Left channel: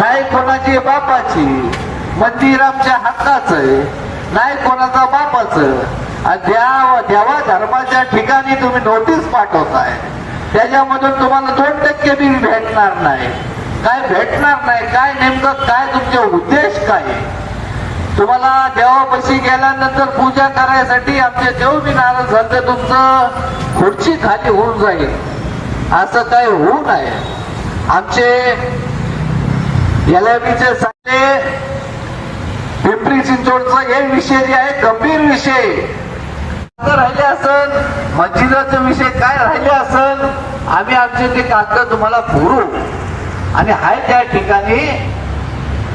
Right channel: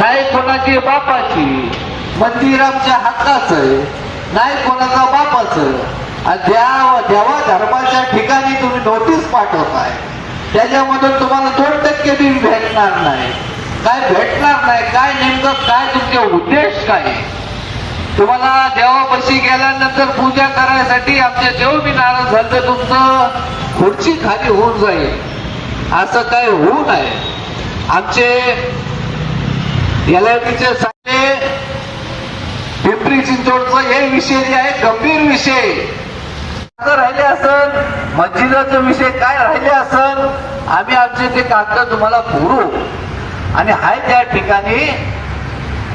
नाही कोणाची बापाची, मंदिर आमच्या हक्काचं आहे, नाही कोणाचा बापाचं. देवा धर्माच्या ठिकाणी तुम्ही नोटीस पाठवताय, त्याच्यामधून तुम्हाला 2% बी भेटणार नाही. काय भेटणार नाही? काय नेमकं काय तुमचे उद्देश काय? तुम्हाला देवापाशी गेल्यानंतर पूजा करायसाठी आमचे देव बी नाराज झालं, तुमचं खुर्ची खाली होऊन जाईल, असं काय होऊ नये. आमचे एलआयबीचे सगळे पिंपरी चिंचवडचा हे विषय जे आहे गंभीर विषय राहिले असेल, मस्जिदाचा विषय काय राहिले असेल, आम्ही आमचे ते कागद तुम्हाला पुरवू. आणि हाय त्या ठिकाणी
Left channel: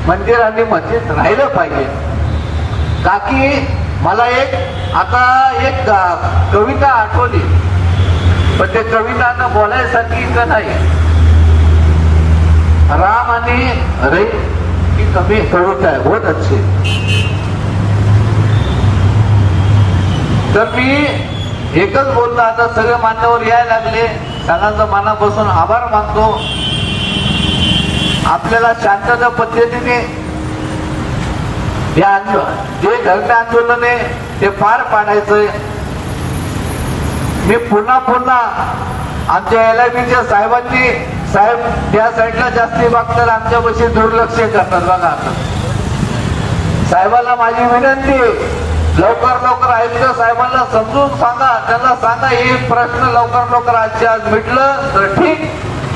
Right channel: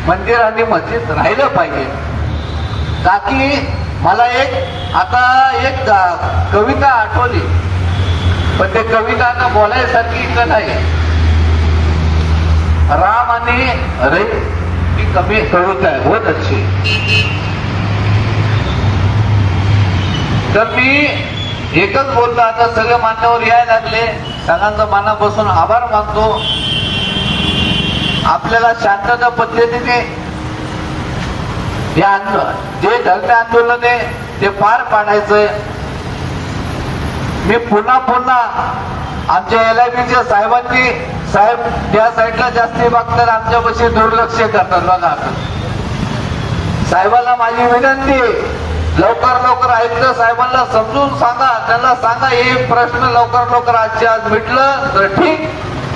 मंदिर आणि मस्जिद राहिलं पाहिजे. बाकी मला एक कविता आठवली, पण ते कविता आता बोलायसाठी इतकं नाही. राम आणि रे की कमी कविता आहे, बहुत अच्छी. तर मी एकच बोलतो, आता सगळे मान्यवर यायला लागले, सगळ्यांचा मनापासून आभार मानतो. आपल्याला शांतता पद्धतीने जे धर्म आंदोलन आहे ते पार पाडायचंय. मी पुन्हा आमच्या एलआयबीच्या साहेबांनी, साहेब त्या साईडला जास्ती बघतात, आमच्यापाशी दुर्लक्ष करतात. बघा साहेबांना माझी विनंती, लवकर आयुक्त साहेबांना समजून सांगा, त्यांना सांगा हे प्रश्न लवकर आजच्या आज मिटलं तर ठीक,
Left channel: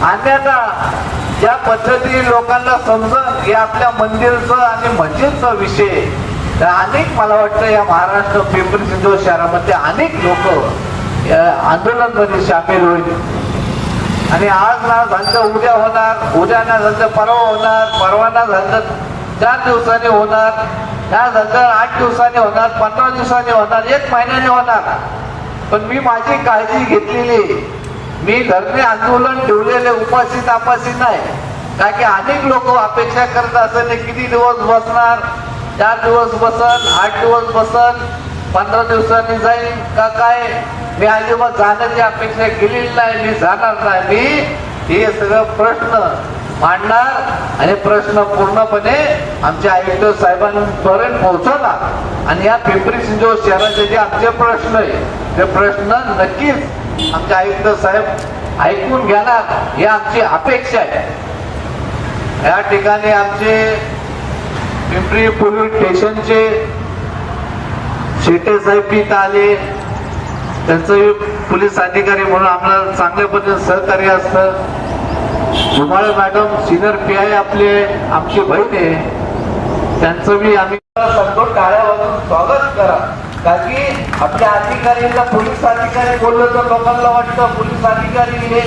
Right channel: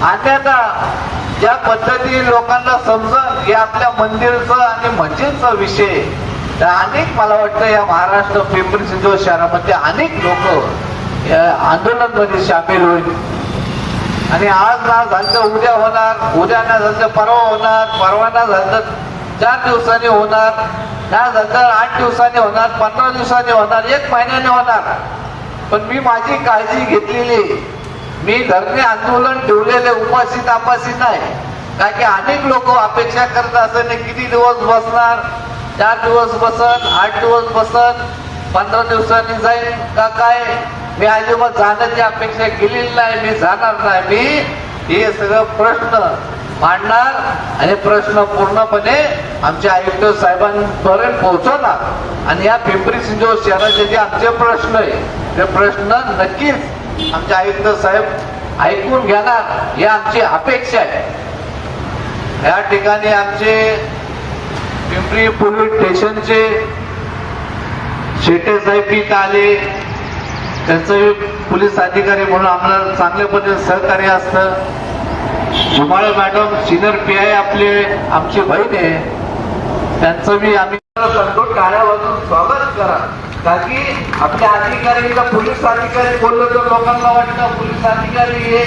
अन्यथा ज्या पद्धतीने लोकांना समजून हे आपल्या मंदिरचं आणि मस्जिदचा विषय, तर अनेक मला वाटतं या महाराष्ट्र पिंपरी चिंचवड शहरामध्ये अनेक लोक आंदोलनामध्ये सामील होईल. आणि आज ना झालं उद्या होणार, उद्या ना झालं परवा होणार, परवा ना झालं 4 दिवसांनी होणार, नाही झालं 8 दिवसांनी होणार, 15 दिवसांनी होणार, 1 महिन्याने होणार. पण मी माझी काळजी घेतलेली, मी धर्मी आंदोलन ठेवलेले उपाशी तापासी नाही. कारण की अनेक लोक अपेक्षा करत असताना किती दिवस बसणार, 4 दिवस बसन, 8 दिवस बसन, 15 दिवसांनी जाईल का काय. मी अजिबात जाण्याची अपेक्षा केलेली नाही, मी जाणार नाही. मी हे सगळं प्रश्न मांडणार आणि प्रश्न पूर्णपणे आमच्या आयुक्त साहेबांपर्यंत पोहोचवणार. आणि या पिंपरी चिंचवड शहराचे जे आमचे प्रश्न आहे ते प्रश्न नक्कीच आमचे आयुक्त साहेब ऐकून घेणार, ही आमची अपेक्षा आहे. या ठिकाणी आमचे पिंपरी पोलीस स्टेशनचे शेटे साहेब इथं आले, त्यांचं पोलीस अधिकारी म्हणून आम्हाला चांगल्या पद्धतीने सहकार्य असतं. धुमाळ मॅडम सिनियर PI आपले आमची बहीण आहे, त्यांचं बी आम्ही सांगतो टाळ्या वाजवून स्वागत करा. कारण की आपल्या अधिकारीला पोलीस अधिकारी बोललं तर लोकांना वाटतं पोलीस अधिकारी हे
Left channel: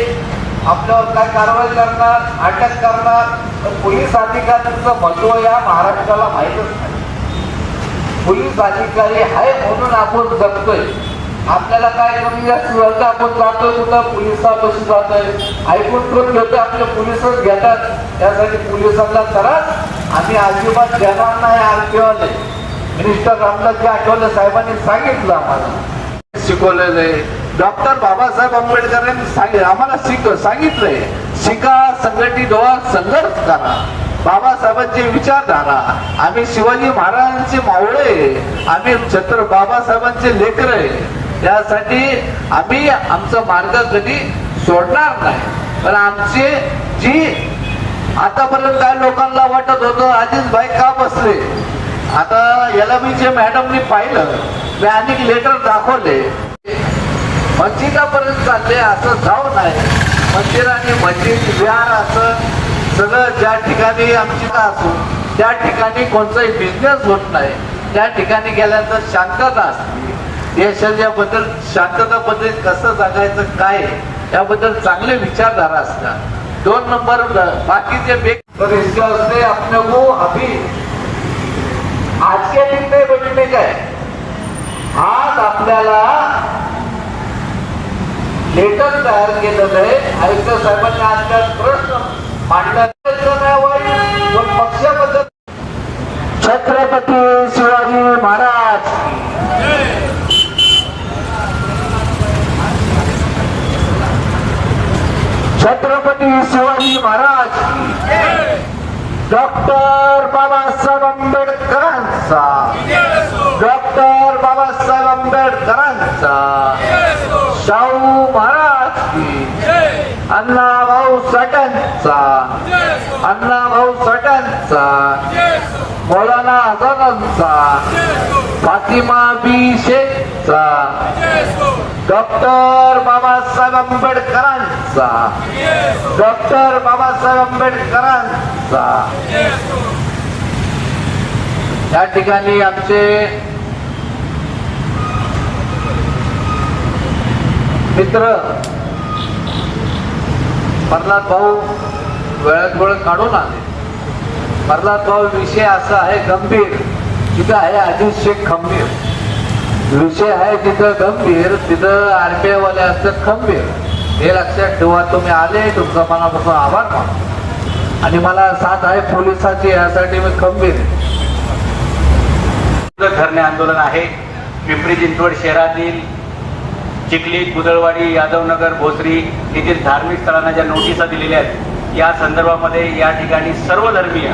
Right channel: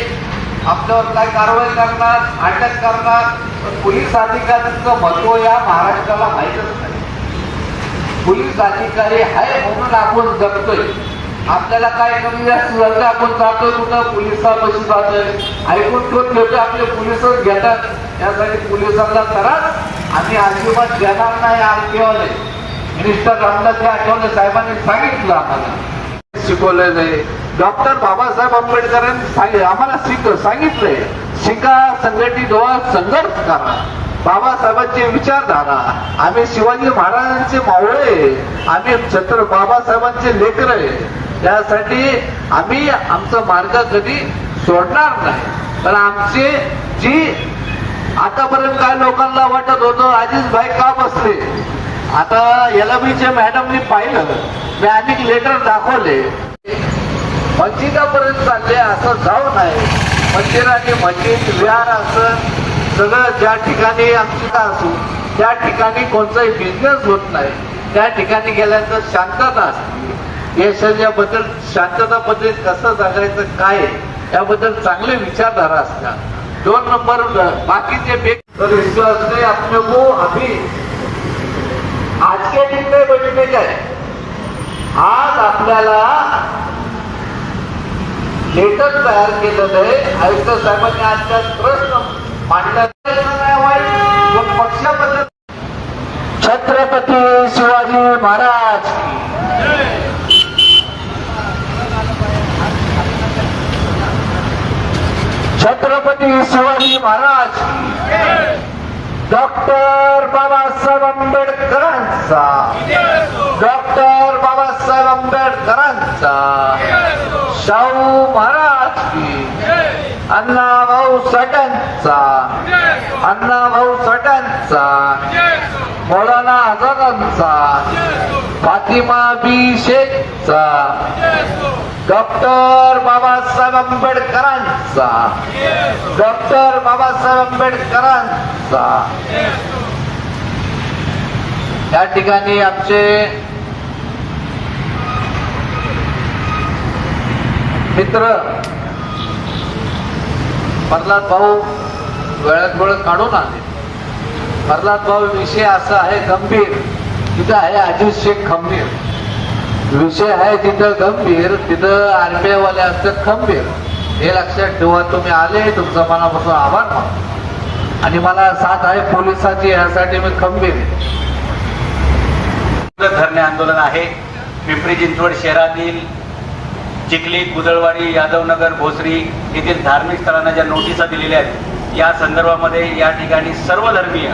आपल्यावर काय कारवाई करणार, अटक करणार. पण पोलीस अधिकाऱ्यांचं महत्व या महाराष्ट्राला माहीतच नाही. पोलीस अधिकारी आहे म्हणून आपण जगतोय. आपल्याला काय कमी जास्त झालं आपण जातोय कुठं, पोलिसापाशी जातोय, ऐकून ठेवून घेतोय, आपले पोलिसच घेतात. त्यासाठी पोलिसांना त्रास आम्ही अजिबात देणार नाही. आरटीओने मिनिस्टर रामदासजी आठवले साहेबांनी सांगितलं, आम्हाला शिकवलेलं आहे. डॉक्टर बाबासाहेब आंबेडकरांनी आम्हाला सांगितलंय, शिका, संघटित व्हा, संघर्ष करा. बाबासाहेबांची विचारधारा, आम्ही शिवाजी महाराजांचे मावळे, आम्ही बाबासाहेबांचे लेकर आहे. त्यासाठी आम्ही आमचा मार्ग कधी सोडणार नाही. तर आमचे जी आतापर्यंत काय लोकांना वाटत होतं अजित भाई का बसले, आता एलआयबीचे मॅडमनी पाहिलं, मी अनेक लेटर दाखवले, मस्जिदापर्यंत चालले, असं जाऊ नये. मंदिर आणि मस्जिद विहार असं सगळं ज्या ठिकाणी आमची का असो त्या ठिकाणी कोणताही बिझनेस होत नाही. त्या ठिकाणी गेल्यानंतर शांतता असते. देशाबद्दल शांतता पद्धतीत कसं जगायचं काय याबद्दल चांगले विचारधारा असतात. 2 नंबर बाकीचे विश्वास नाही अपने को अभी आज के दिन में बैठने का है. आज आपल्याला लेटर तयार केलेलं आहे. आयुक्त साहेबांनी आजच्या प्रश्न मांडला नाही. पक्षाबद्दल छत्रपती शिवाजी महाराज, छत्रपती शिवाजी महाराज. अण्णाभाऊ साठ्यांचा, मौलाना आझादांचा, फातिमा बी शेखचा, डॉक्टर बाबासाहेब आंबेडकरांचा, डॉक्टर बाबासाहेब आंबेडकरांचा. या ठिकाणी आमचे मित्र प्रल्हाद भाऊ वेळात वेळ काढून आले. प्रल्हाद भाऊ विषय असा आहे गंभीर, तिथं आहे अजित शेख खंबीर. विषय आहे तिथं गंभीर, तिथं आरबीआय वाले असतात खंबीर. हे लक्षात ठेवा. तुम्ही आले, तुमचा मनापासून आभार मानतो आणि मला साथ आहे पोलिसांची, यासाठी मी खंबीर. धरणे आंदोलन आहे. पिंपरी चिंचवड शहरातील चिखली, कुदळवाडी, यादवनगर, भोसरी येथील धार्मिक स्थळांना ज्या नोटिसा दिलेल्या आहेत, या संदर्भामध्ये या ठिकाणी सर्व धर्मीय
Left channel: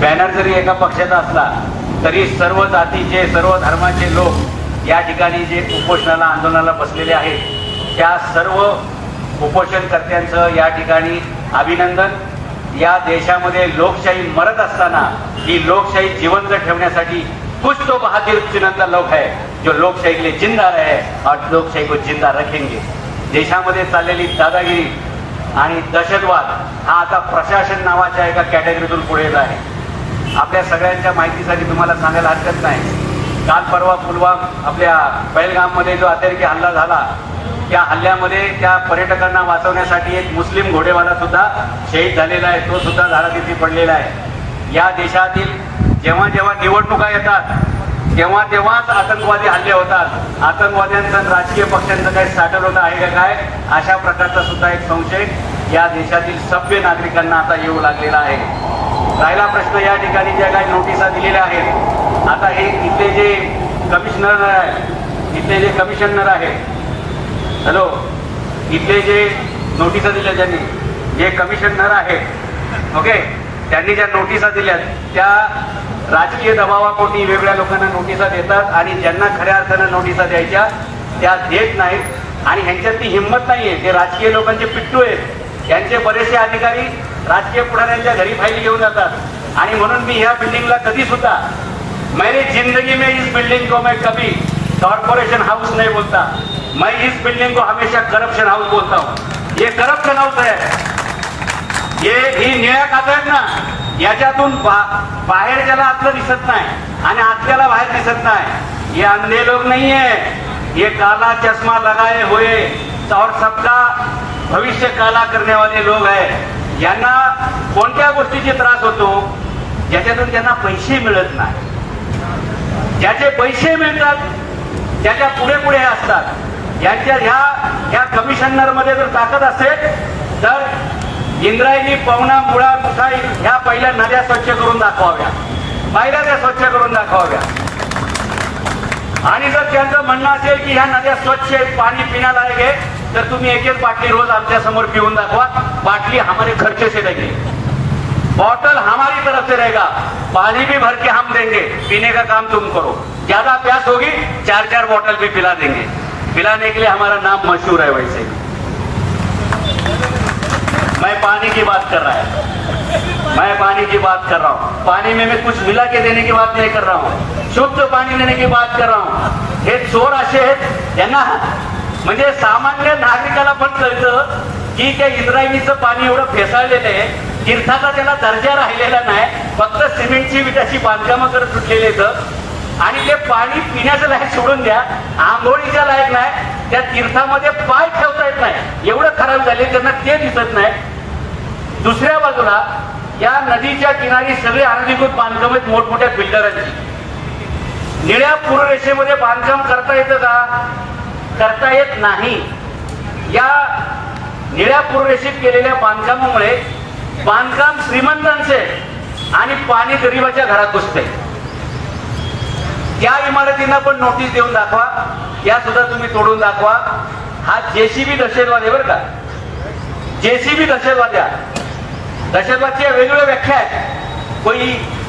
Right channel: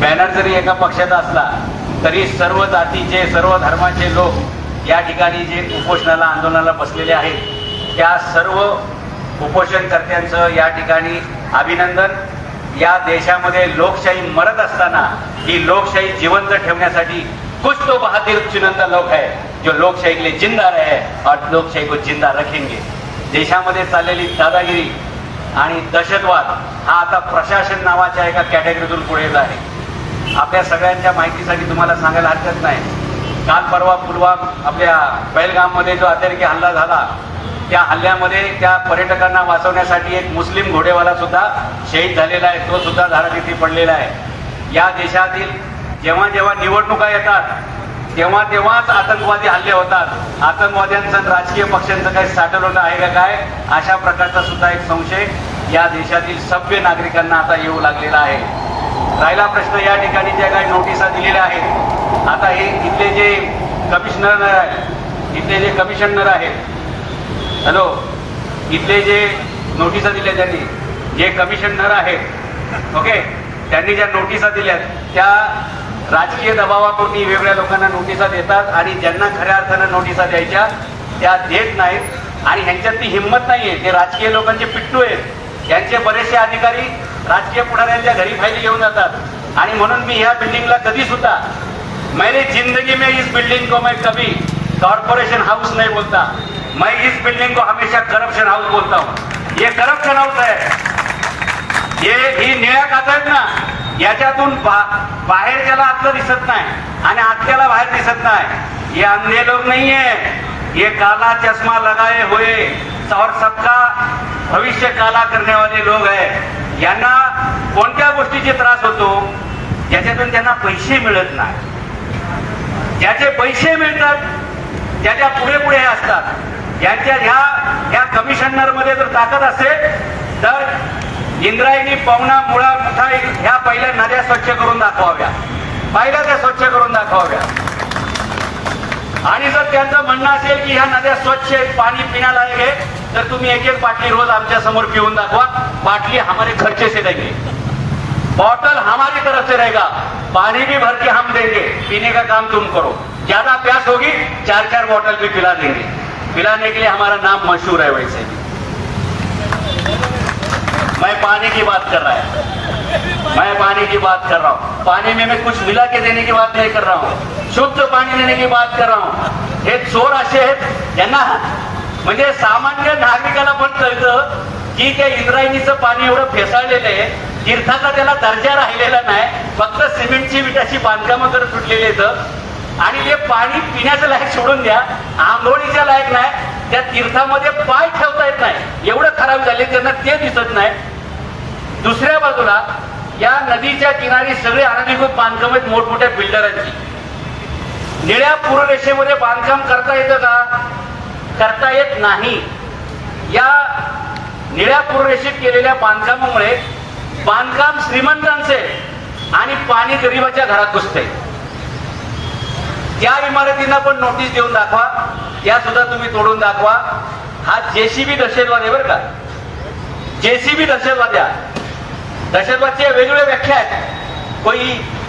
बॅनर जरी एका पक्षाचा असला तरी सर्व जातीचे, सर्व धर्माचे लोक या ठिकाणी जे उपोषणाला, आंदोलनाला बसलेले आहेत, त्या सर्व उपोषणकर्त्यांचं या ठिकाणी अभिनंदन. या देशामध्ये लोकशाही मरत असताना ही लोकशाही जिवंत ठेवण्यासाठी कुछ तो बहादुर चुनंदा लोक है जो लोकशाही के लिए जिंदा रहे और लोकशाही को जिंदा रखेंगे. देशामध्ये चाललेली दादागिरी आणि दहशतवाद हा आता प्रशासन नावाच्या एका कॅटेगरीतून पुढे येत आहे. आपल्या सगळ्यांच्या माहितीसाठी तुम्हाला सांगायला हरकत नाही, काल परवा पुलवामा आपल्या पहलगाममध्ये जो अतिरेकी हल्ला झाला, त्या हल्ल्यामध्ये त्या पर्यटकांना वाचवण्यासाठी एक मुस्लिम घोडेवाला सुद्धा शहीद झालेला आहे, तो सुद्धा झाडाखाली पडलेला आहे. या देशातील जेव्हा जेव्हा निवडणुका येतात तेव्हा तेव्हाच आतंकवादी हल्ले होतात. आतंकवाद्यांचं राजकीय पक्षांचं काही साठवलं आहे का काय, अशा प्रकारचा सुद्धा एक संशय या देशातील सभ्य नागरिकांना आता येऊ लागलेला आहे. राहिला प्रश्न या ठिकाणी ज्या काही नोटिसा दिलेल्या आहेत, आता हे इथले जे कमिशनर आहे, इथले जे कमिशनर आहेत, हॅलो, इथले जे नोटिसा दिल्या ज्यांनी, जे कमिशनर आहेत, ओके, त्यांनी ज्या नोटिसा दिल्यात त्या राजकीय दबावापोटी वेगळ्या लोकांना नोटिसा देतात आणि ज्यांना खऱ्या अर्थानं नोटिसा द्यायच्या त्या देत नाहीत. आणि ह्यांच्यात ती हिंमत नाहीये. ते राजकीय लोकांचे पिट्टू आहेत. यांचे बरेचसे अधिकारी राजकीय पुढाऱ्यांच्या घरी फायली घेऊन जातात. आणि म्हणून मी ह्या बिल्डिंगला कधी सुद्धा, मैंने जिंदगी में इस बिल्डिंग को मैं कभी कॉर्पोरेशन हाउस नहीं बोलता, मैं इस बिल्डिंग को हमेशा करप्शन हाउस बोलता हूँ. ये करप्शन हाउस है. ये ही निळ्या काचा आहेत ना, याच्यातून बाहेर त्याला आतलं दिसत नाही आणि आतल्याला बाहेर दिसत नाही. ये अंधे लोग नहीं है, ये काला चष्मा लगाए हुए और सबका भविष्य काला करने वाले लोग हैं. यांना कोणत्या गोष्टीचे त्रास होतो, ज्याच्यातून त्यांना पैसे मिळत नाही. ज्याचे पैसे मिळतात त्याच्या पुढे पुढे असतात. यांच्या ह्या कमिशनर मध्ये जर ताकद असेल तर इंद्रायणी, पवना, मुळा, मुठाई ह्या पहिल्या नद्या स्वच्छ करून दाखवाव्या, पहिल्या त्या स्वच्छ करून दाखवाव्या. आणि जर त्यांचं म्हणणं असेल की ह्या नद्या स्वच्छ आहेत, पाणी पिण्यालायक आहे, तर तुम्ही एक एक बाटली रोज आमच्या समोर पिऊन दाखवा. बाटली हमारे खर्चे से देंगे, बॉटल हमारी तरफ से रहेगा, पानी भी भर के हम देंगे, पीने का काम तुम करो. ज्यादा प्यास होगी 4-4 बॉटल भी पिला देंगे. पिलाने के लिए हमारा नाम मशहूर है. वैसे मैं पानी की बात कर रहा है, मैं पानी की बात कर रहा हूँ. पानी में मैं कुछ मिला के देने की बात नहीं कर रहा हूँ, शुद्ध पाणी देने की बात कर रहा हूँ. हे चोर असे आहेत, त्यांना म्हणजे सामान्य नागरिकाला पण कळतं की त्या इंद्रायणीचं पाणी एवढं फेसाळलेलं आहे, तीर्थाचा त्याला दर्जा राहिलेला नाही, फक्त सिमेंटची विटाची बांधकामं करत सुटलेले आहेत आणि ते पाणी पिण्याचं लायक सोडून द्या, आंघोळीच्या लायक नाही. त्या तीर्थामध्ये पाय ठेवता येत नाही, एवढं खराब झाले, त्यांना ते दिसत नाही. दुसऱ्या बाजूला या नदीच्या किनारी सगळे अनधिकृत बांधकाम आहेत मोठमोठ्या बिल्डरांची. निळ्या पूर्वरेषेमध्ये बांधकाम करता येतं का? करता येत नाही. या निळ्या पूर्वरेषेत केलेल्या बांधकामामुळे बांधकाम श्रीमंतांचे आणि पाणी गरिबाच्या घरात घुसते. त्या इमारतींना पण नोटीस देऊन दाखवा, त्या सुद्धा तुम्ही तोडून दाखवा. हा जेसीबी दहशतवाद आहे बरं का, जेसीबी दहशतवाद. या दहशतवादच्या वेगवेगळ्या व्याख्या आहेत. कोई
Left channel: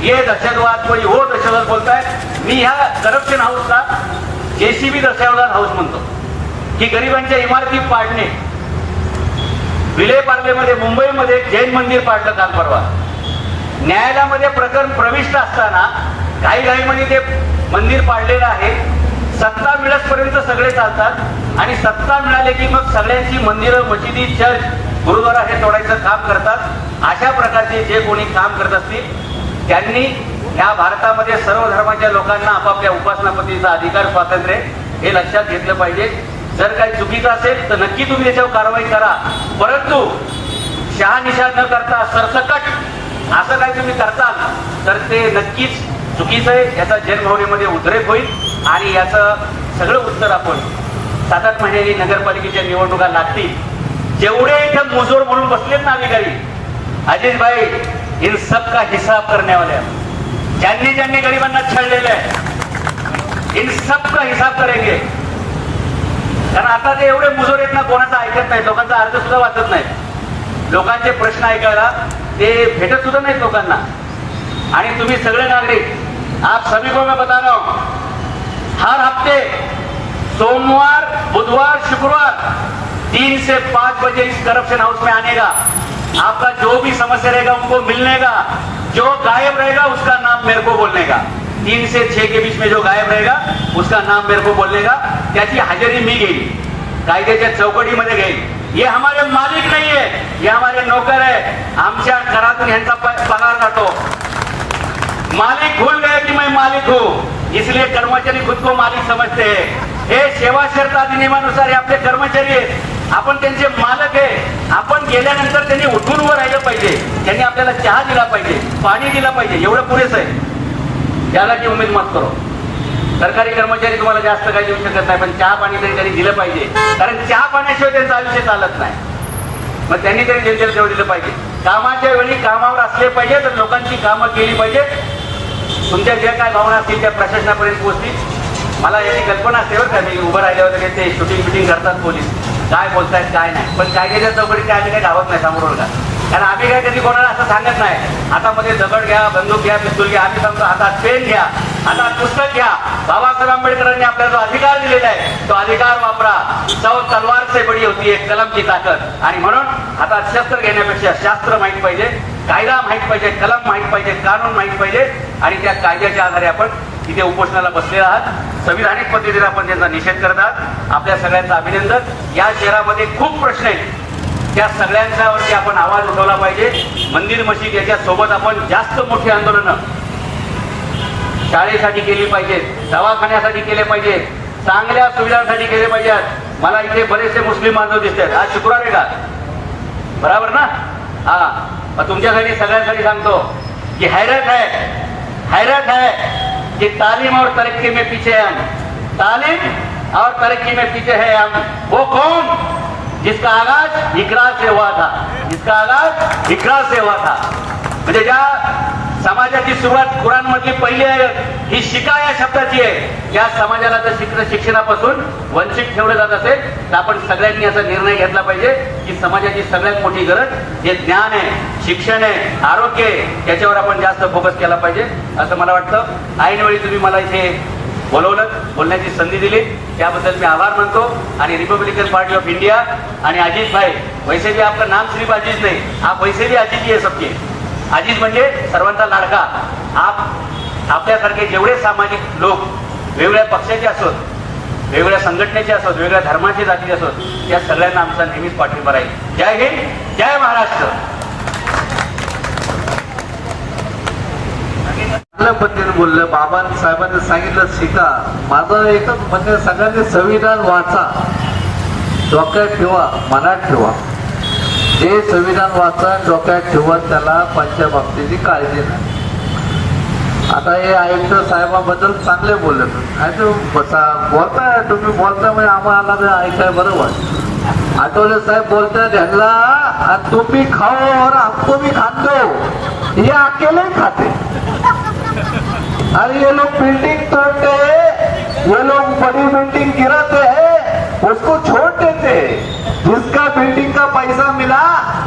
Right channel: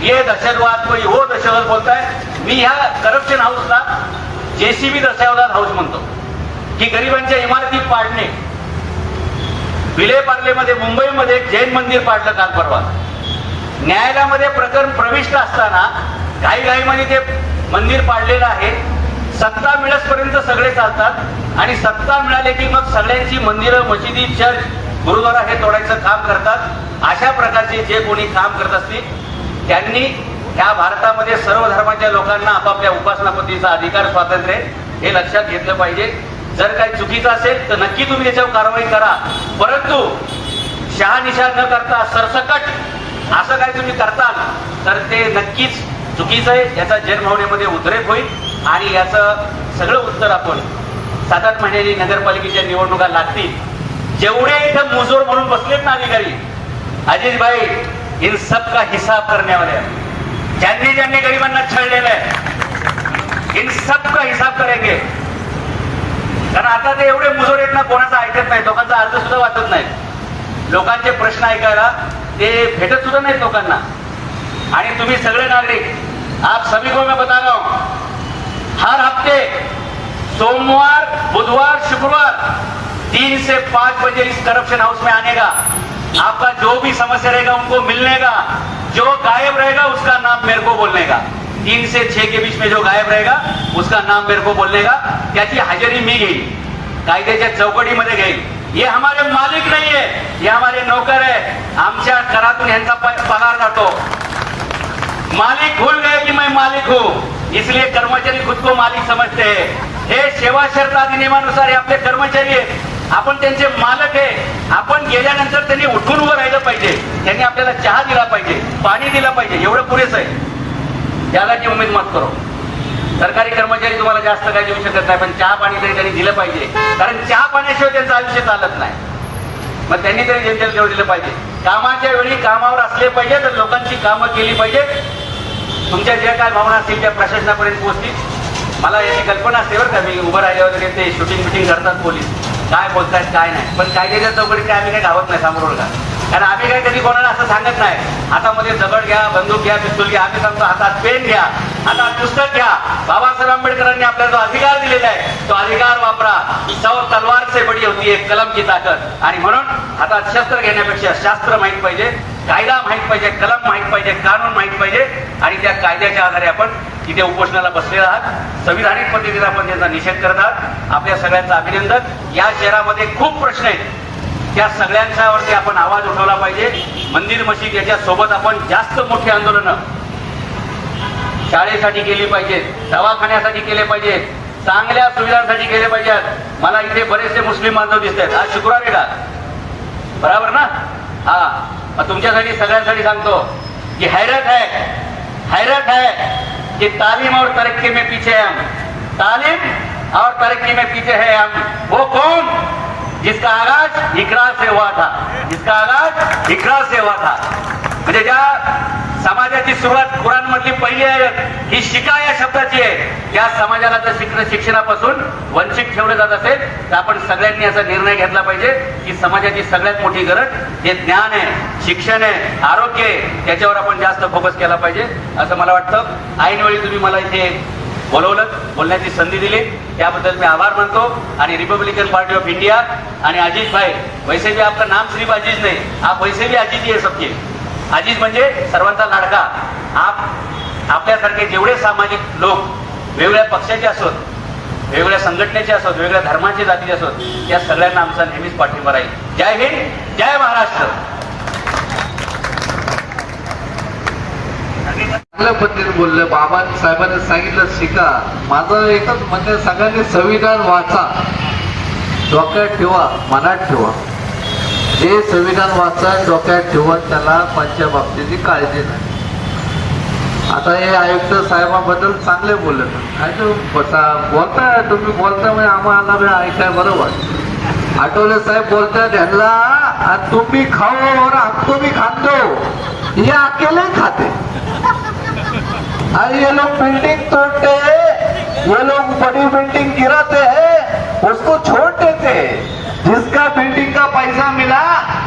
ये दहशतवाद, कोई वो दहशतवाद बोलताय. मी ह्या करप्शन हाऊसला जेसीबी दहशतवाद हाऊस म्हणतो, की गरिबांच्या इमारती पाडणे. विलेपार्लेमध्ये मुंबईमध्ये एक जैन मंदिर पाडलं काल परवा. न्यायालयामध्ये प्रकरण प्रविष्ट असताना घाईघाईमध्ये ते मंदिर पाडलेलं आहे. सत्ता मिळेपर्यंत सगळे चालतात आणि सत्ता मिळाले की मग सगळ्यांची मंदिरं, मशिदी, चर्च, गुरुद्वारा हे तोडायचं काम करतात. अशा प्रकारचे जे कोणी काम करत असतील त्यांनी या भारतामध्ये सर्व धर्माच्या लोकांना आपापल्या उपासना पद्धतीचा अधिकार, स्वातंत्र्य हे लक्षात घेतलं पाहिजे. जर काही चुकीचं असेल तर नक्की तुम्ही त्याच्यावर कारवाई करा, परंतु शहानिशा न करता सरसकट असं काही तुम्ही करता तर ते नक्कीच चुकीचं आहे. याचा जनभावनेमध्ये उद्रेक होईल आणि याचं सगळं उत्तर आपण 7-8 महिन्यांनी नगरपालिकेच्या निवडणुका लागतील. जेवढे इथं मुजोर म्हणून बसलेत ना अधिकारी, अजित भाई इन सब का हिसाब करण्यावाले आहे. ज्यांनी ज्यांनी गरिबांना छळलेलं आहे इन सब का हिसाब करेंगे. कारण आता ते एवढे मुजोर आहेत ना, कोणाचा ऐकत नाही, लोकांचा अर्थ सुद्धा वाचत नाही. लोकांचे प्रश्न ऐकायला ते भेटत सुद्धा नाहीत लोकांना. आणि तुम्ही सगळे नागरिक, आप सभी को मैं बता रहा हूं, हर हफ्ते सोमवार, बुधवार, शुक्रवार 3 से 5 बजे इस करप्शन हाउस में आने का, आपका जो भी समस्या रहेगा उनको मिलने का, जो गायब रहेगा उसका नाम मेरे को बोलने का. 3 से 6 के बीच में जो गायब रहेगा उसका नाम मेरे को बोलने का. त्याची हजेरी मी घेईल, कायद्याच्या चौकटीमध्ये घेईल. ये हमारे मालिक नहीं है, ये हमारे नौकर है. आमच्या करातून यांचा पगार जातो. मालिक भूल गए कि मैं मालिक हूँ, इसलिए कर्मचारी खुद को मालिक समझते हैं. हे सेवा शर्त अधिनियमानुसार हे आपले कर्मचारी आहेत, आपण त्यांचे मालक आहे. आपण गेल्यानंतर त्यांनी उठून उभं राहिलं पाहिजे, त्यांनी आपल्याला चहा दिला पाहिजे, पाणी दिलं पाहिजे, एवढं पुरेसं आहे. त्यालाची उमेद मत करो. सरकारी कर्मचारी तुम्हाला जास्त काही देऊ शकत नाही, पण चहा पाणी तरी त्यांनी दिलं पाहिजे, कारण चहा पाण्याशिवाय त्यांचं आयुष्य चालत नाही. मग त्यांनी तरी जनतेला जोड दिलं पाहिजे. कामाच्या वेळी कामावर असले पाहिजे, तर लोकांची कामं केली पाहिजे. तुमच्या ज्या काय भावना असतील त्या प्रशासनापर्यंत पोहोचतील. मला याची कल्पना असते बरं का, मी उभं राहिल्यावर वगैरे ते शूटिंग फिटिंग करतात पोलीस, काय बोलतायत काय नाही, पण कायद्याच्या चौकटीत आम्ही काही धावत नाही समोर का. कारण आम्ही काय कधी कोणाला असं सांगत नाही, हातामध्ये दगड घ्या, बंदूक घ्या, पिस्तूल घ्या. आम्ही सांगतो हातात पेन घ्या, हातात पुस्तक घ्या. बाबासाहेब आंबेडकरांनी आपल्याला जो अधिकार दिलेला आहे तो अधिकार वापरा. तलवार से बडी होती है कलम की ताकद. आणि म्हणून हातात शस्त्र घेण्यापेक्षा शास्त्र माहित पाहिजे, कायदा माहित पाहिजे, कलम माहित पाहिजे, कानून माहित पाहिजे. आणि त्या कायद्याच्या आधारे आपण इथे उपोषणाला बसलेले आहात. संविधानिक पद्धतीने आपण त्यांचा निषेध करत आहात. आपल्या सगळ्यांचं अभिनंदन. या शहरामध्ये खूप प्रश्न आहेत, त्या सगळ्यांच्यावरती आपण आवाज उठवला पाहिजे. मंदिर मशीद याच्या सोबत आपण जास्त मोठी आंदोलनं शाळेसाठी केली पाहिजेत, दवाखान्यासाठी केले पाहिजेत, चांगल्या सुविधांसाठी केले पाहिजेत. मला इथे बरेचसे मुस्लिम बांधव दिसत आहेत. आज शुक्रवार आहे का? बरोबर ना? हा, तुमच्यासाठी सगळ्यांसाठी सांगतो की हैरत है कि तालीम और तरक्की में पीछे है हम. तालीम और तरक्की में पीछे है हम. वो कौन? जिसका आगाज इकरा से हुआ था, जिसका आगाज इकरा से हुआ था. म्हणजे ज्या समाजाची सुरुवात कुराण मधली पहिली आयत ही शिका या शब्दाची आहे. त्या समाजाला जर शिक्षणापासून वंचित ठेवलं जात असेल तर आपण सगळ्यांनी असा निर्णय घेतला पाहिजे की समाजाची सगळ्यात मोठी गरज जे ज्ञान आहे, शिक्षण आहे, आरोग्य आहे, त्याच्यावर आपण जास्त फोकस केला पाहिजे असं मला वाटतं. ऐनवेळी तुम्ही मला इथे बोलवलं, बोलण्याची संधी दिली, त्याबद्दल मी आभार मानतो. आणि रिपब्लिकन पार्टी ऑफ इंडिया आणि अजित भाई, वैसे भी आपलं नाम सिर्फ अजीज नाही, आप वैसे भी अजीज ही आहे सबके. अजीज म्हणजे सर्वांचा लाडका. आपल्यासारखे जेवढे सामाजिक लोक वेगवेगळ्या पक्षाचे असोत, वेगवेगळ्या संघटनेचे असोत, वेगवेगळ्या धर्माचे, जातीचे असोत, त्या सगळ्यांना आमचा नेहमीच पाठिंबा राहील. जय हिंद, जय महाराष्ट्र. चांगल्या पद्धतीने बोलले बाबांनी, साहेबांनी सांगितलं शिका. माझं एकच म्हणजे सगळ्यांनी संविधान वाचा, डोक्यात ठेवा, मनात ठेवा. जे संविधान वाचा, डोक्यात ठेवा, त्याला पंच्या बाबतीची काळजी नाही. आता हे आयुक्त साहेबांबद्दल चांगले बोलले. बोलताय तुम्ही, बोलताय म्हणजे आम्हाला बी ऐकाय बरोबर. आठवले साहेब बोलताय ढंगला, आणि तुम्ही खाओ और हमको भी खान दो, ये अकेले खाते. अरे ये लोग बिल्डिंग तोड़ते हैं, ये लोग बड़ी बिल्डिंग गिराते हैं, उसको छोड़ देते हैं. जिसका बिल्डिंग का पैसा मिला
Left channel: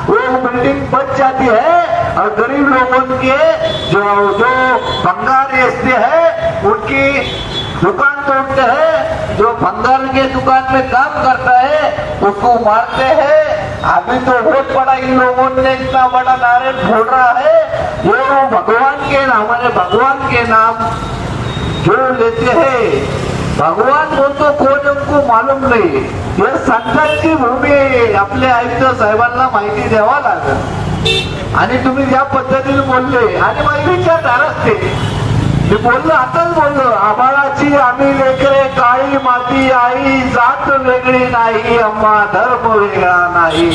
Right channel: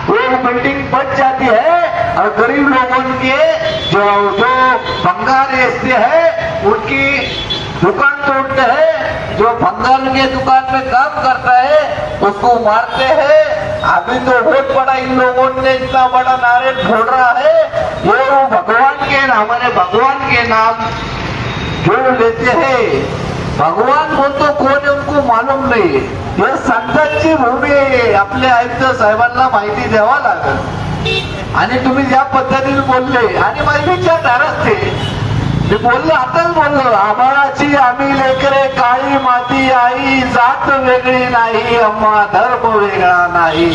वो बिल्डिंग बच जाती है, और गरीब लोगों के जो बंगाल हिस्से है उनकी दुकान तोड़ते हैं, जो भंगार के दुकान में काम करता है उसको मारते हैं। अभी तो बहुत बड़ा इन लोगों ने इतना बड़ा नारे फोड़ रहा है, ये वो भगवान के नाम, हमारे भगवान के नाम जो लेते हैं। भगवान बोलतो कोण आहे उनको मालूम नाही। हे संतांची भूमी आहे, आपल्या आयुक्त साहेबांना माहिती द्यावा लागेल। आणि तुम्ही ज्या पद्धतीने बोलले आणि माझे विचार धारसते, मी बोललो आताच बोललो, आभाळाची आम्ही लेकरे, काळी माती आई, जात वेगळी नाही अम्मा, धर्म वेगळा नाही,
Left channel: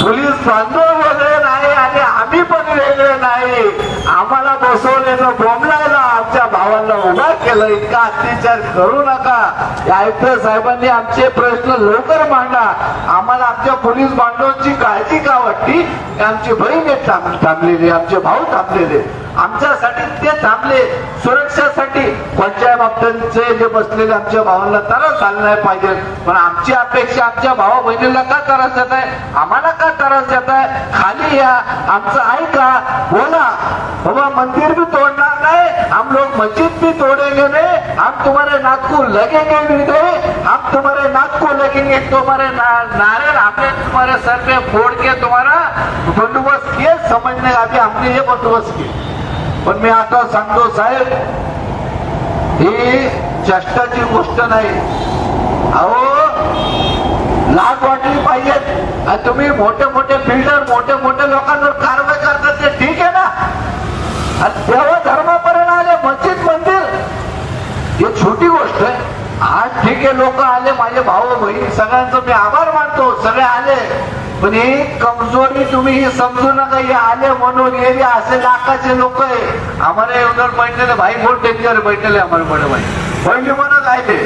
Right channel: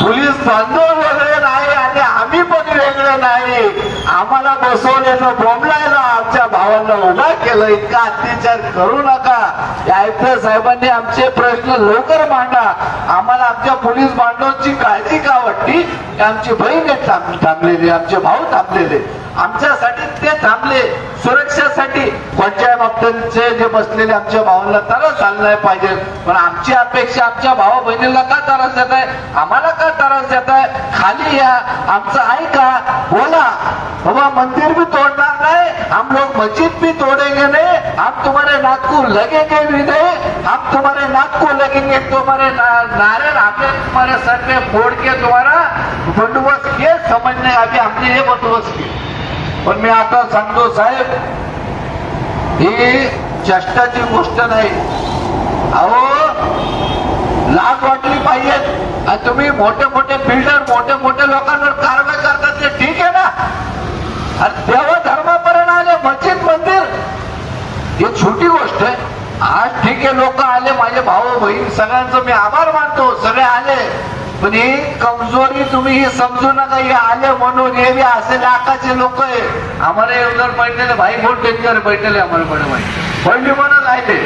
पोलीस बांधव वेगळे नाही आणि आम्ही पण वेगळे नाही। आम्हाला बसवलेलं बोंबलायला आमच्या भावाला उभा केलं, इतका अत्याचार करू नका। आयुक्त साहेबांनी आमचे प्रश्न लवकर मांडा। आम्हाला आमच्या पोलीस बांधवांची काळजी का वाटली? आमची बहीण थांबलेली, आमचे भाऊ थांबलेले, आमच्यासाठी ते थांबले, सुरक्षेसाठी। पंचायत बाबतीचे जे बसलेले आमच्या भावांना त्रास झाला नाही पाहिजे, पण आमची अपेक्षा आमच्या भावा बहिणीला का त्रास देत आहे, आम्हाला का त्रास देत आहे? खाली या, आमचं आहे का? बोला बाबा, मंदिर भी तोड़ना नहीं, हम लोग मस्जिद भी तोड़ेंगे नहीं, हम तुम्हारे नाक को लगेंगे भी नहीं, हम तुम्हारे नाक को लगेंगे, तुम्हारे नारे आपके तुम्हारे सर पे फोड़ के तुम्हारा बंदोबस्त ये समझने अभी हमने ये बंदोबस्त की। पण मी आता सांगतो साहेब, ही चष्टाची गोष्ट नाही। अहो, लाज वाटली पाहिजे। आणि तुम्ही मोठे मोठे बिल्डर, मोठे मोठे लोकांवर कारवाई करतात ते ठीक आहे ना, आणि देव धर्मापर्यंत आले, मस्जिद मंदिर ही छोटी गोष्ट आहे। आज ठीक आहे, लोक आले, माझे भाऊ बहीण सगळ्यांचं मी आभार मानतो, सगळे आले, पण ही कमजोरी तुम्ही ही समजू नका। हे आले म्हणून हे असे लाखाचे लोक आहे, हमारे उधर बैठे भाई बहुत डेंजर बैठे हमारे बड़े भाई बंडी म्हणत आहे ते,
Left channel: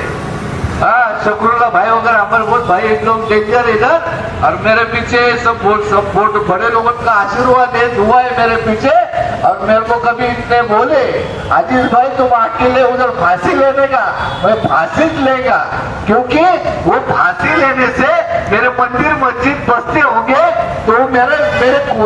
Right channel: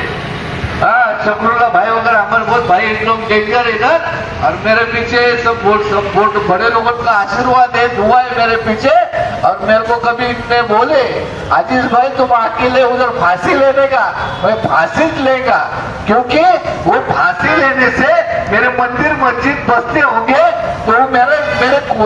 हाँ शत्रुल्ला भाई वगैरह हमारे बहुत भाई एक लोग डेंजर इधर, और मेरे पीछे सब वोट बड़े लोगों का आशीर्वाद है, दुआ है मेरे पीछे। और मेरे को कभी इतने बोले, आजीज भाई तुम अकेले उधर फांसी लेने का, मैं फांसी लेगा, क्योंकि वो फांसी लेने से मेरे मंदिर मस्जिद बसते होंगे तो मेरे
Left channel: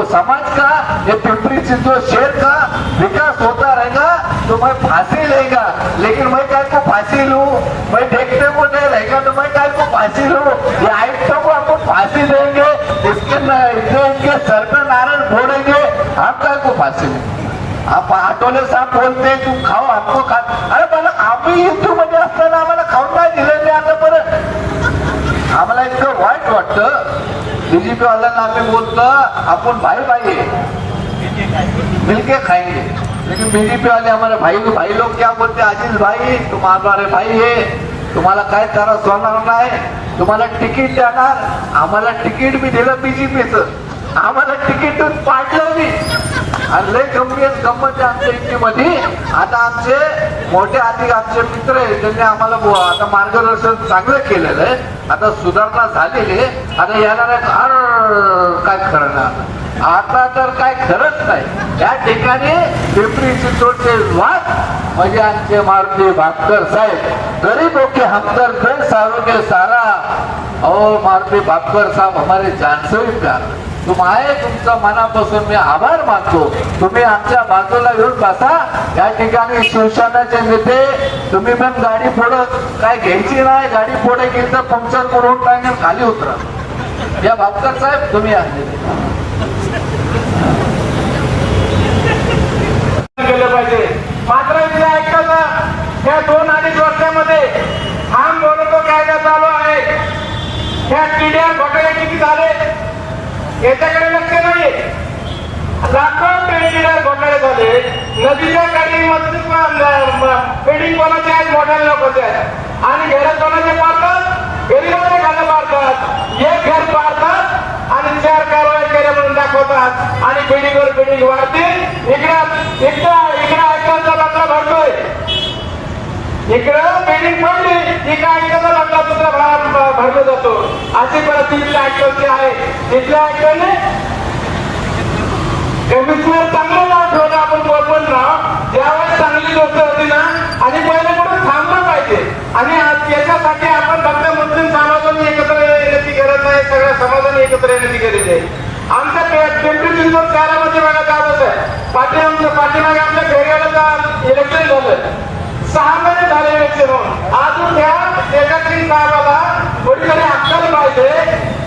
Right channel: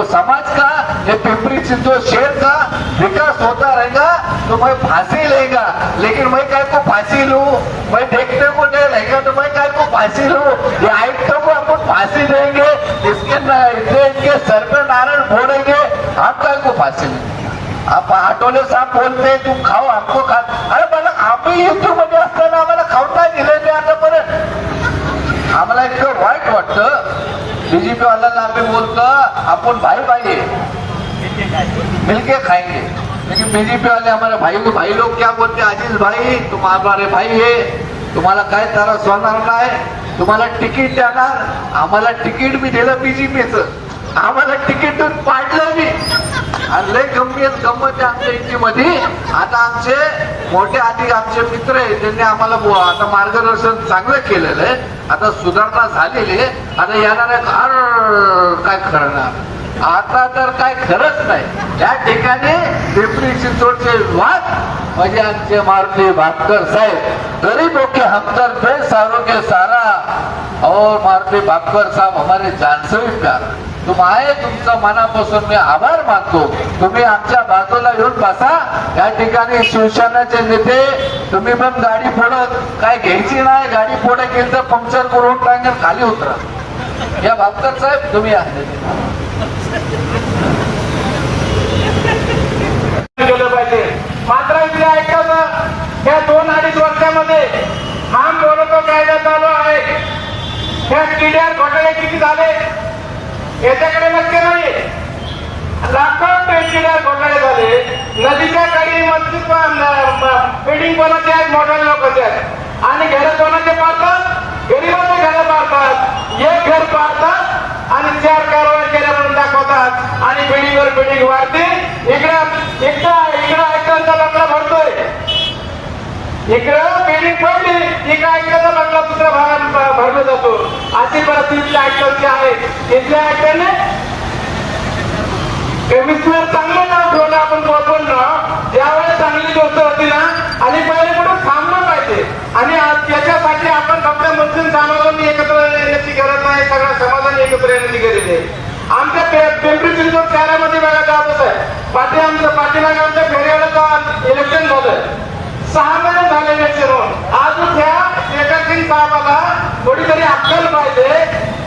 समाज का, ये पिंपरी चिंचवड शहर का विकास होता रहेगा, तो मैं फांसी लेगा। लेकिन मैं काय को फांसी लूं, मैं देखते को नहीं रहेगा तो मैं काय को फांसी लूं? ये आयुक्तों को आपको फांसी देंगे, इनके सर पे नारायण फोड़ेंगे, आप काय को फांसी लेंगे? आप आठवले साहब बोलते हैं तुम खाओ, आपको खा, अरे मला आम्ही युद्ध मध्ये असताना आम्हाला खाऊन नाही दिलेले आतापर्यंत। आम्हाला इतकं वाईट वाटतं, बीजेपी वाल्यांना आम्ही बोलतो आपण भाई भाई मिलके खाएंगे, लेकिन बीजेपी वाले हमारे भाई लोग क्या बोलते, आजीज भाई तुम हमारे भाई है, तुम्हाला काय त्रास होणार नाही, तुम्हाला तिकीट देणार। आम्हाला तिकीट बी दिलं बीजेपीचं, आम्हाला तिकीट पाडलं मी, आणि लय गंमत आहे आमच्या युतीमध्ये। आता आमचे मोठे अधिक आमचे मित्र आहे, त्यांनी आम्हाला आता मार्गदर्शन चांगलं केलेलं आहे, आता सुधारणा झालेली आहे। आता याला काय करणार, आता तर काय खरंच नाही। त्या ठिकाणी पिंपरी चिंचवडचे वाद म्हणजे आमचे मारुती भापकर साहेब, गरीबों के हमदर्द है सालों के सारा, और मारुती भापकर साहब हमारे जान से भी प्यार। तुम आए, तुमचा मनापासून मी आभार मानतो। तुम्ही आमच्या बाजूला येऊन बसा। या ठिकाणी शिवसेनेचे नेते, तुम्ही पण गाडी पुढे काय घ्यायची नाही, गाडी पुढे गेली तर पंक्चर करून टाकून खाली उतरा। या भापकर साहेब तुम्ही आले केलं पाहिजे। मात्र इथे ऐकतं त्या 2-2.5 वर्षामध्ये हम बोलतो कायदा चालू आहे, त्या टीडीआर घोटाळे किती झाले याच्याकडे लक्ष नाही। लाखो टीडीआर घोटाळे झाले, नदीच्या काठी बिल्डिंग कोणाचे आहेत, मोठ्या लोकांचे आहेत, आणि घर कोणाचे पाडतात, गरीबांचे घर पाडतात, एक घर पाडतात आणि 4 कारवाई केल्या म्हणून दाखवतात, आणि बिल्डिंगवर बिल्डिंग वाढतील। इकडं ऐकतांचा बंगला भरतोय, इकडं बिल्डिंग पडली, इकडे ऐकतांचा बंगला दुसरा भरला जातो। अशी परिस्थिती ऐकतांची आहे। इथल्या ऐकताने कमिशनर चांगलं नाव ठेवलं, आपण बोलून राह, ज्यावेळेस चांगली गोष्ट होती ना, आणि पहिल्याकडून थांबलं पाहिजे। आणि याच्यासाठी आपण फक्त मुस्लिम समाजाने एकत्र येण्याची गरज नाही, सगळ्या समाजाने एकत्र येण्याची गरज आहे। आमच्या पिंपरी चिंचवड शहरामध्ये बघा जातच आहे, पाठीमागे आमच्या फेऱ्याला इलेक्शन झालं, 6 महिने झाले इलेक्शन होऊन. अजून त्या एकाकी साहेबाला थोडीतरी अक्कल पाहिजे.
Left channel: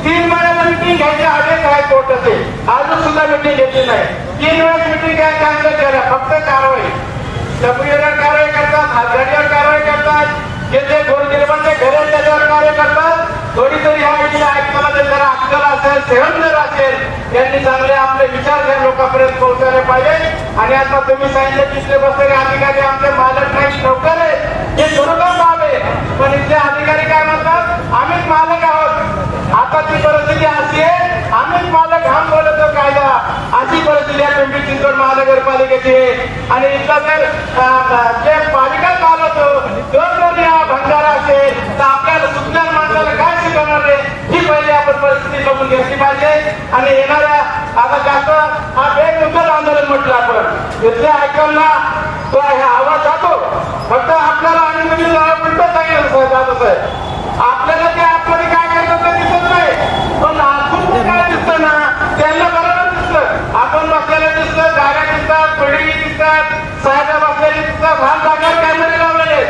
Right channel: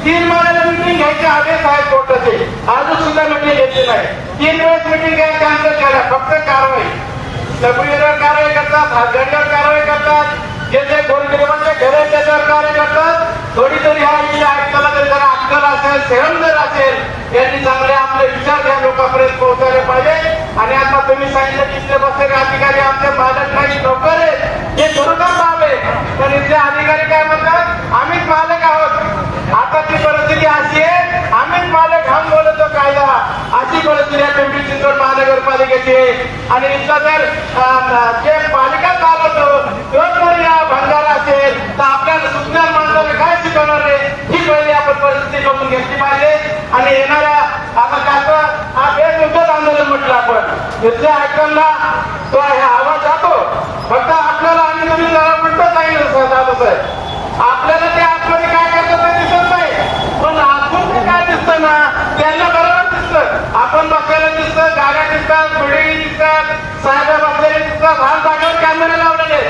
3 महिन्याला मिटिंग घ्यायचे आदेश आहे कोर्टाचे, अजून सुद्धा मिटिंग घेतली नाही. 3 वेळेस मिटिंग कॅन्सल केल्या. फक्त कारवाई, लपडीवर कारवाई करतात, हातगाडीवर कारवाई करतात, जे जे गोरगरिबांचे घर आहेत त्याच्यावर कार्य करतात. थोडी तरी ह्या विषयी ऐकताना जरा अक्कल असेल, सहन जर असेल, यांनी चांगले आपले विचार या लोकांपर्यंत पोहोचवले पाहिजे. आणि आता तुम्ही सांगितलं तिथले बसलेले अधिकारी आमचे मालक नाही, नोकर आहे, हे खरोखर बाब आहे. पण इथले अधिकारी काय म्हणतात, आम्हीच मालक आहोत. आता ती परिस्थिती अशी आहे, आम्हीच मालक, हम बोलतो कायदा, अशी परिस्थिती आहे पिंपरी चिंचवड महानगरपालिकेची आहे. आणि इथला जर जे पालिका चालवतो दोन जर या भंगारा असेल तर आपल्याला सुटणार माणसाला काय शिकवणार रे, ही पहिली आपण परिस्थिती बघून घेतली पाहिजे. आणि येणाऱ्या आता जास्त हा बेमुदत आंदोलन म्हटलं आपण, इथल्या ऐकायला तो हे आवाज जातो. फक्त आपल्याला आणि तुम्ही जरा उलट सांगितलं जात आहे, आपल्याला ते आतमध्ये काय करतात ते दिसत नाही, पण आतून काय दिसतं ना त्यांना बरोबर दिसतं. आपण बसलेलं दिसतं, गाड्या दिसतात, बिल्डिंग दिसतात, साहेब बसलेले दिसतात, लहान जागेवर कॅमेरे लावलेले.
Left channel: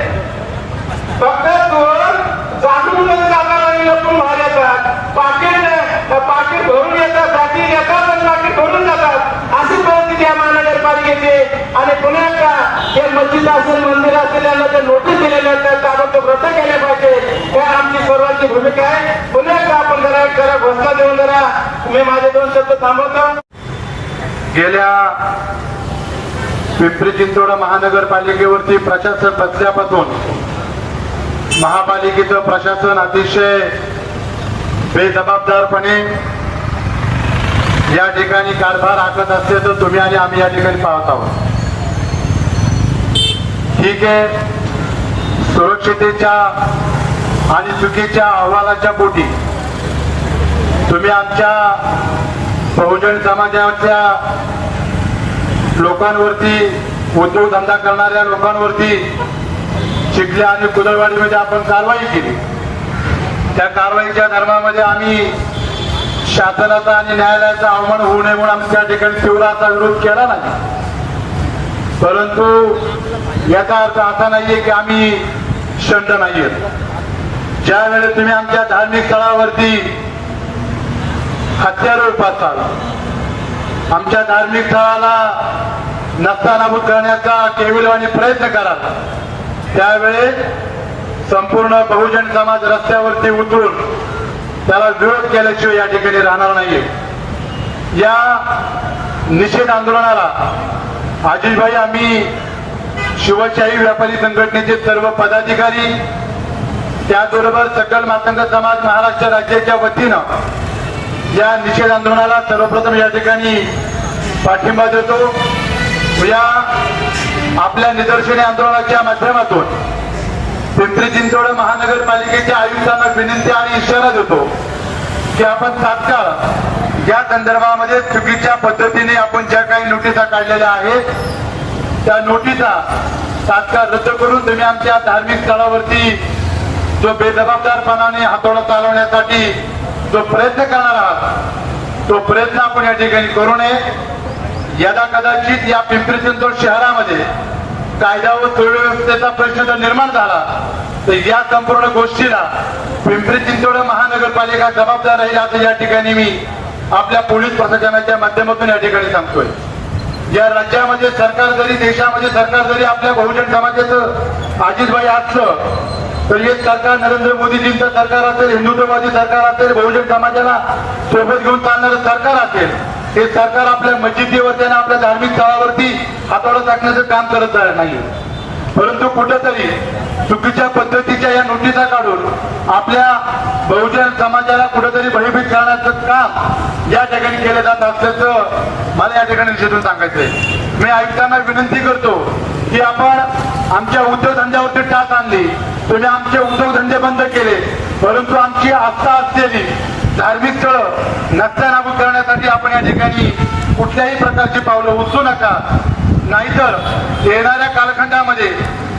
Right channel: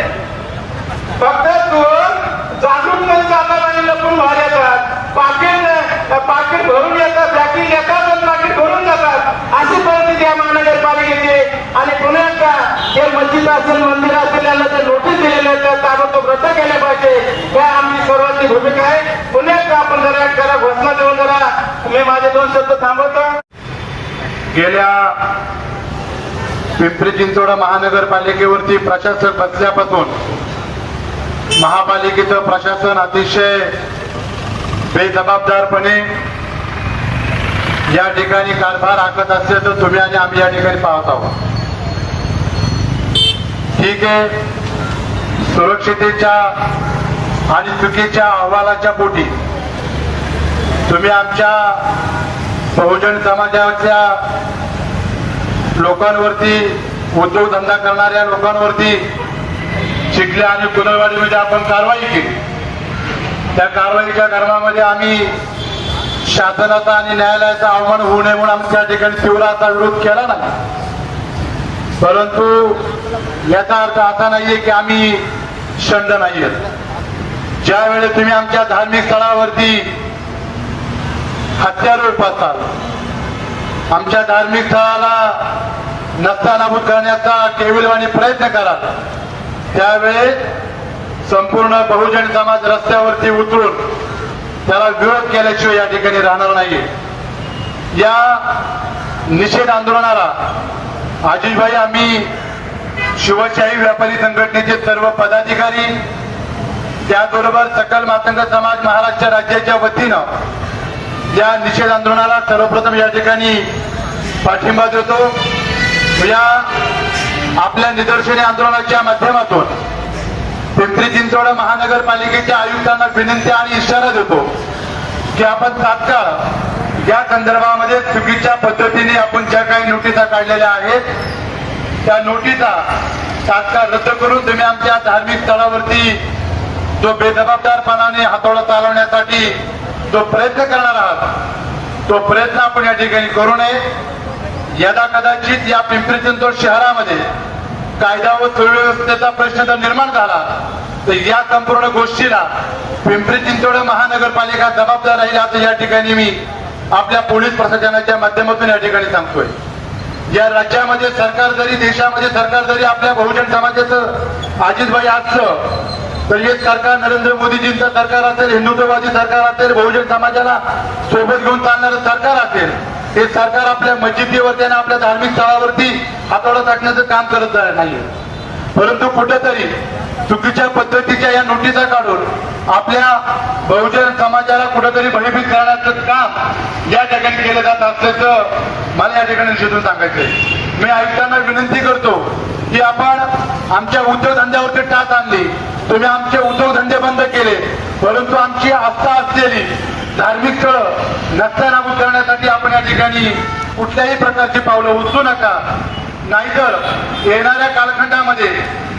फक्त तू जागून मध्ये जातात आणि लपून बाहेर येतात, पाकिट भरून येतात, बॅकिंग येतात आणि पाकिट भरून जातात. अशी परिस्थिती आहे महानगरपालिकेची. आणि पुण्यात हे मस्जिद असेल, मंदिर असेल, यांना जे नोटीस दिलेले आहेत त्या ताबडतोब रद्द केल्या पाहिजे. हे आमची सर्वांची भूमिका आहे. पुण्यात आपण जरा घोषणा देऊन जरा मी माझे 2 शब्द थांबवतो. गेल्या पिंपरी चिंचवड महानगरपालिकेवरती प्रशासक बसल्यापासून महापालिकेचं प्रशासन अतिशय बेजबाबदारपणे या ठिकाणी कारभार आखत असल्याचं तुम्ही आणि आम्ही या ठिकाणी पाहत आहोत. ठीक आहे, सुरक्षितेच्या आणि चुकीच्या अहवालाच्या पोटी तुम्ही आमच्या बहुजन समाजाच्या लोकांवरती, उद्योगधंदा करणाऱ्या लोकांवरती चिखली आणि कुदळवाडीमध्ये आपण कारवाई केली. त्या कारवाईच्या धर्मामध्ये आम्ही शासनाचा आणि न्यायालयाचा अवमान होऊ नये म्हणून आम्ही त्या ठिकाणी तीव्र असा विरोध केला ना. परंतु याचा अर्थ असा नाहीये की आम्ही शंड नाहीये. ज्यावेळी तुम्ही आमच्या धार्मिक स्थळावरती हत्यारे उपासाल, आमच्या धार्मिक स्थळाला नस्तानाबूत करण्याचा केविलवाणी प्रयत्न कराल, त्यावेळेस संपूर्ण बहुजन समाज रस्त्यावरती उतरून त्याला विरोध केल्याशिवाय या ठिकाणी राहणार नाहीये. या निषेध आंदोलनाला आजीभाई, आम्ही शिवशाही व्यापारी संघटनेचे सर्व पदाधिकारी, त्याचबरोबर सकल मातंग समाज महाराष्ट्र राज्याच्या वतीनं या निषेध आंदोलनाला सर्वप्रथम या ठिकाणी पाठिंबा देतो. या आपल्या निदर्शने आंदोलनाच्या माध्यमातून पिंपरी चिंचवड महानगरपालिकेच्या आयुक्तांना विनंती आणि इशारा देतो की आपण तात्काळ या संदर्भामध्ये चुकीच्या पद्धतीने आपण ज्या काही नोटिसा काढलेल्या आहेत त्या नोटिसा तात्काळ रद्द करून तुम्ही आमच्या धार्मिक स्थळावरती जो बेजबाबदारपणाने हातोडा चालवण्यासाठी जो प्रयत्न करणार आहात तो प्रयत्न आपण या ठिकाणी करू नये. यदा कदाचित या पिंपरी चिंचवड शहरामध्ये कायदा व सुव्यवस्थेचा प्रश्न जर निर्माण झाला तर या संपूर्ण गोष्टीला पिंपरी चिंचवड महानगरपालिका जबाबदार राहील असं या ठिकाणी मी आपल्या पोलीस प्रशासनाच्या माध्यमातून या ठिकाणी सांगतोय. या राज्यामध्ये सरकार जरी, देशामध्ये सरकार जरी आपल्या बहुजन समाजाचं अजितभाई असलं तर हे सरकार नरेंद्र मोदीजींचं सरकार असेल, हिंदुत्ववादी सरकार असेल, बहुजन समाजाला सोबत घेऊन चालणारं सरकार असेल, हे सरकार आपल्या मस्जिदीवरती आणि आपल्या धार्मिक स्थळावरती हातोडा टाकण्याचं काम करत नाही. परंतु कुठेतरी चुकीच्या पद्धतीच्या या नोटिसा काढून आपल्या बहुजन समाजाला कुठेतरी भयभीत करण्याचं काम या ठिकाणी केलं जात असल्याचं मला या ठिकाणी निषेधून सांगायचंय. मी आयुक्तांना विनंती करतो की आपण आमच्या उद्योगधंद्यावरती टाच आणली, तुम्ही आमचे उद्योगधंदे बंद केले, परंतु आमची आस्था असलेली धार्मिक स्थळं नस्तानाबूत करण्यासाठी आपण या ठिकाणी कुठल्याही प्रकारची पावलं उचलू नका. नाहीतर येणाऱ्या कालखंडामध्ये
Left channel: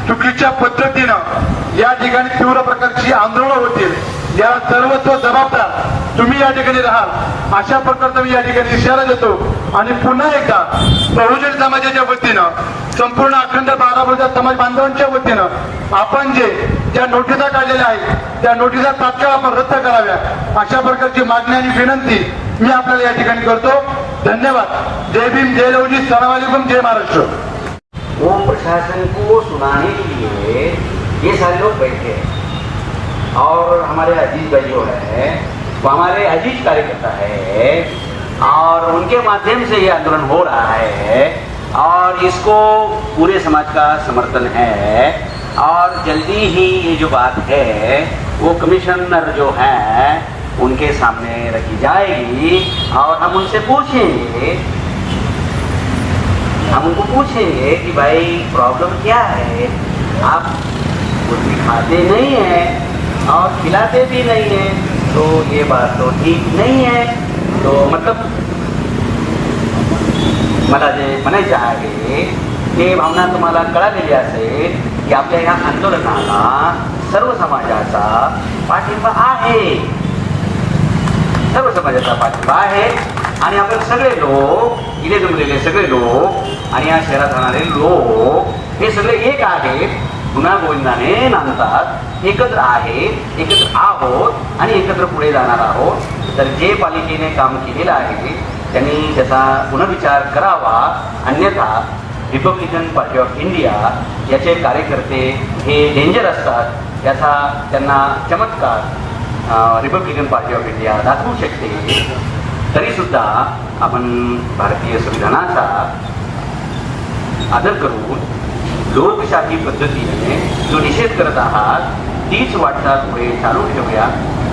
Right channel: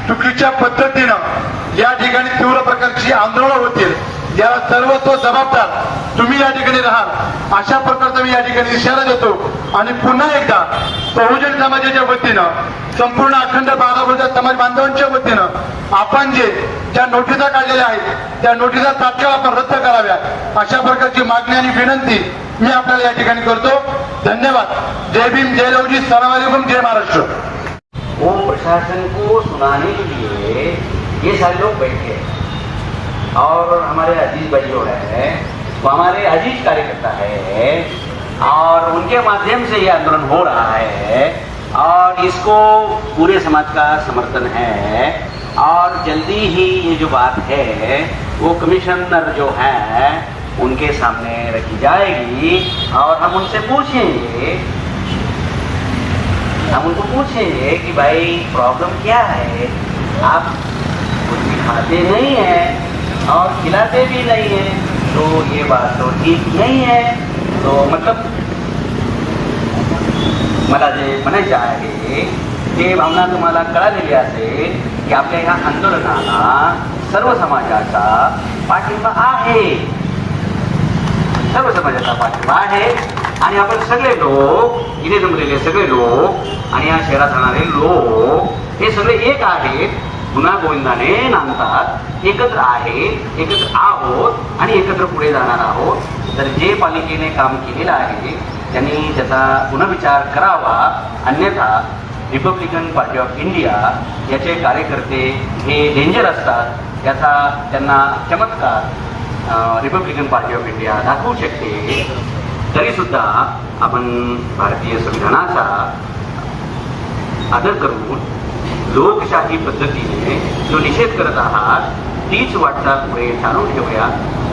चुकीच्या पद्धतीनं या ठिकाणी तीव्र प्रकारची आंदोलनं होतील. याला सर्वस्व जबाबदार तुम्ही या ठिकाणी राहाल अशा प्रकारचा मी या ठिकाणी इशारा देतो. आणि पुन्हा एकदा बहुजन समाजाच्या वतीनं संपूर्ण अखंड बारामती समाज बांधवांच्या वतीनं आपण जे ज्या नोटिसा काढलेल्या आहेत त्या नोटिसा तात्काळ आपण रद्द कराव्या अशा प्रकारची मागणी आणि विनंती मी आपल्याला या ठिकाणी करतो. धन्यवाद. जय भीम, जय लवजी, सलाम अलैकुम, जय महाराष्ट्र. वो प्रशासन को सुनाने के लिए ये सारे लोग बैठे हैं और हमारे अजीज भाई जो है वो हमारे अजीज कार्यकर्ता है और उनके माध्यम से ये आंदोलन हो रहा है और इसको पूरे समाज का समर्थन है और जल्दी ही ये जो बात है वो कमिश्नर जो है उनके सामने रखी जाएगी और हम उनसे पूछेंगे, हम उनको पूछेंगे कि भाई प्रॉब्लम क्या है, आप कुछ भी खाते नहीं हैं और खिलाते भी नहीं हैं, तो ये बात तो ठीक नहीं है. तो मतलब मला जे म्हणायचे आहे ते भावना तुम्हाला कळालेली असेल की आपल्या या आंदोलनाला सर्व समाजाचा पाठिंबा आहे, सर्व समाजाचा पाठिंबा आहे आणि आपण सगळे लोक इथे जमलेले सगळे लोक आणि या शहरात राहणारे लोक हे सगळे एक आहेत, पुन्हा गोविंदाने नांदतात, एकत्र आहेत, एकत्र आहोत आणि एकत्र पुढे जाणार आहोत. तर जे पालिकेने काम केलेलं आहे त्यांनी त्याचा पुनर्विचार करावा, अन्यथा रिपब्लिकन पार्टी ऑफ इंडिया याचे कार्यकर्ते हे डेंजर असतात, त्याचा त्यांना चमत्कार रिपब्लिकन पार्टी ऑफ इंडिया दाखवू शकते. तरीसुद्धा आपण भारतीय संविधानाचा आदर करून लोकशाही पद्धतीने जो निषेध करत आहात तीच वाटचाल पुढे चालू ठेवूया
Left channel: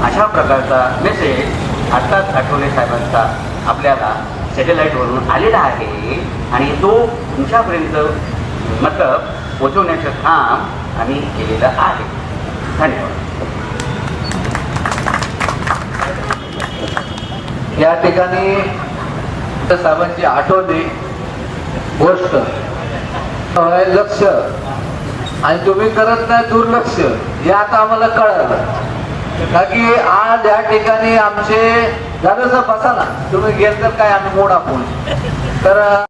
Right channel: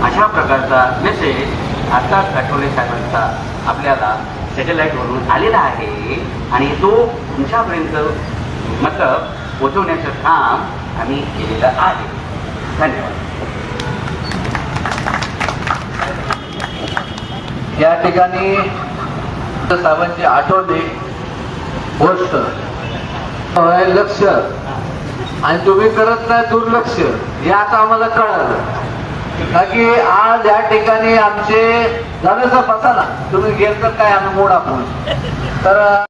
अशा प्रकारचा मेसेज आत्ताच आठवले साहेबांचा आपल्याला सॅटेलाईटवरून आलेला आहे आणि तो तुमच्यापर्यंत मतलब पोहोचवण्याचं काम आम्ही केलेलं आहे. धन्यवाद. या ठिकाणी साहेबांची आठवणी गोष्ट लक्ष आणि तुम्ही करत नाही दुर्लक्ष हे आता आम्हाला कळालं. का की आज या ठिकाणी आमचे दादा बसा ना, तुम्ही गेल तर काय आम्ही मोड आपण तर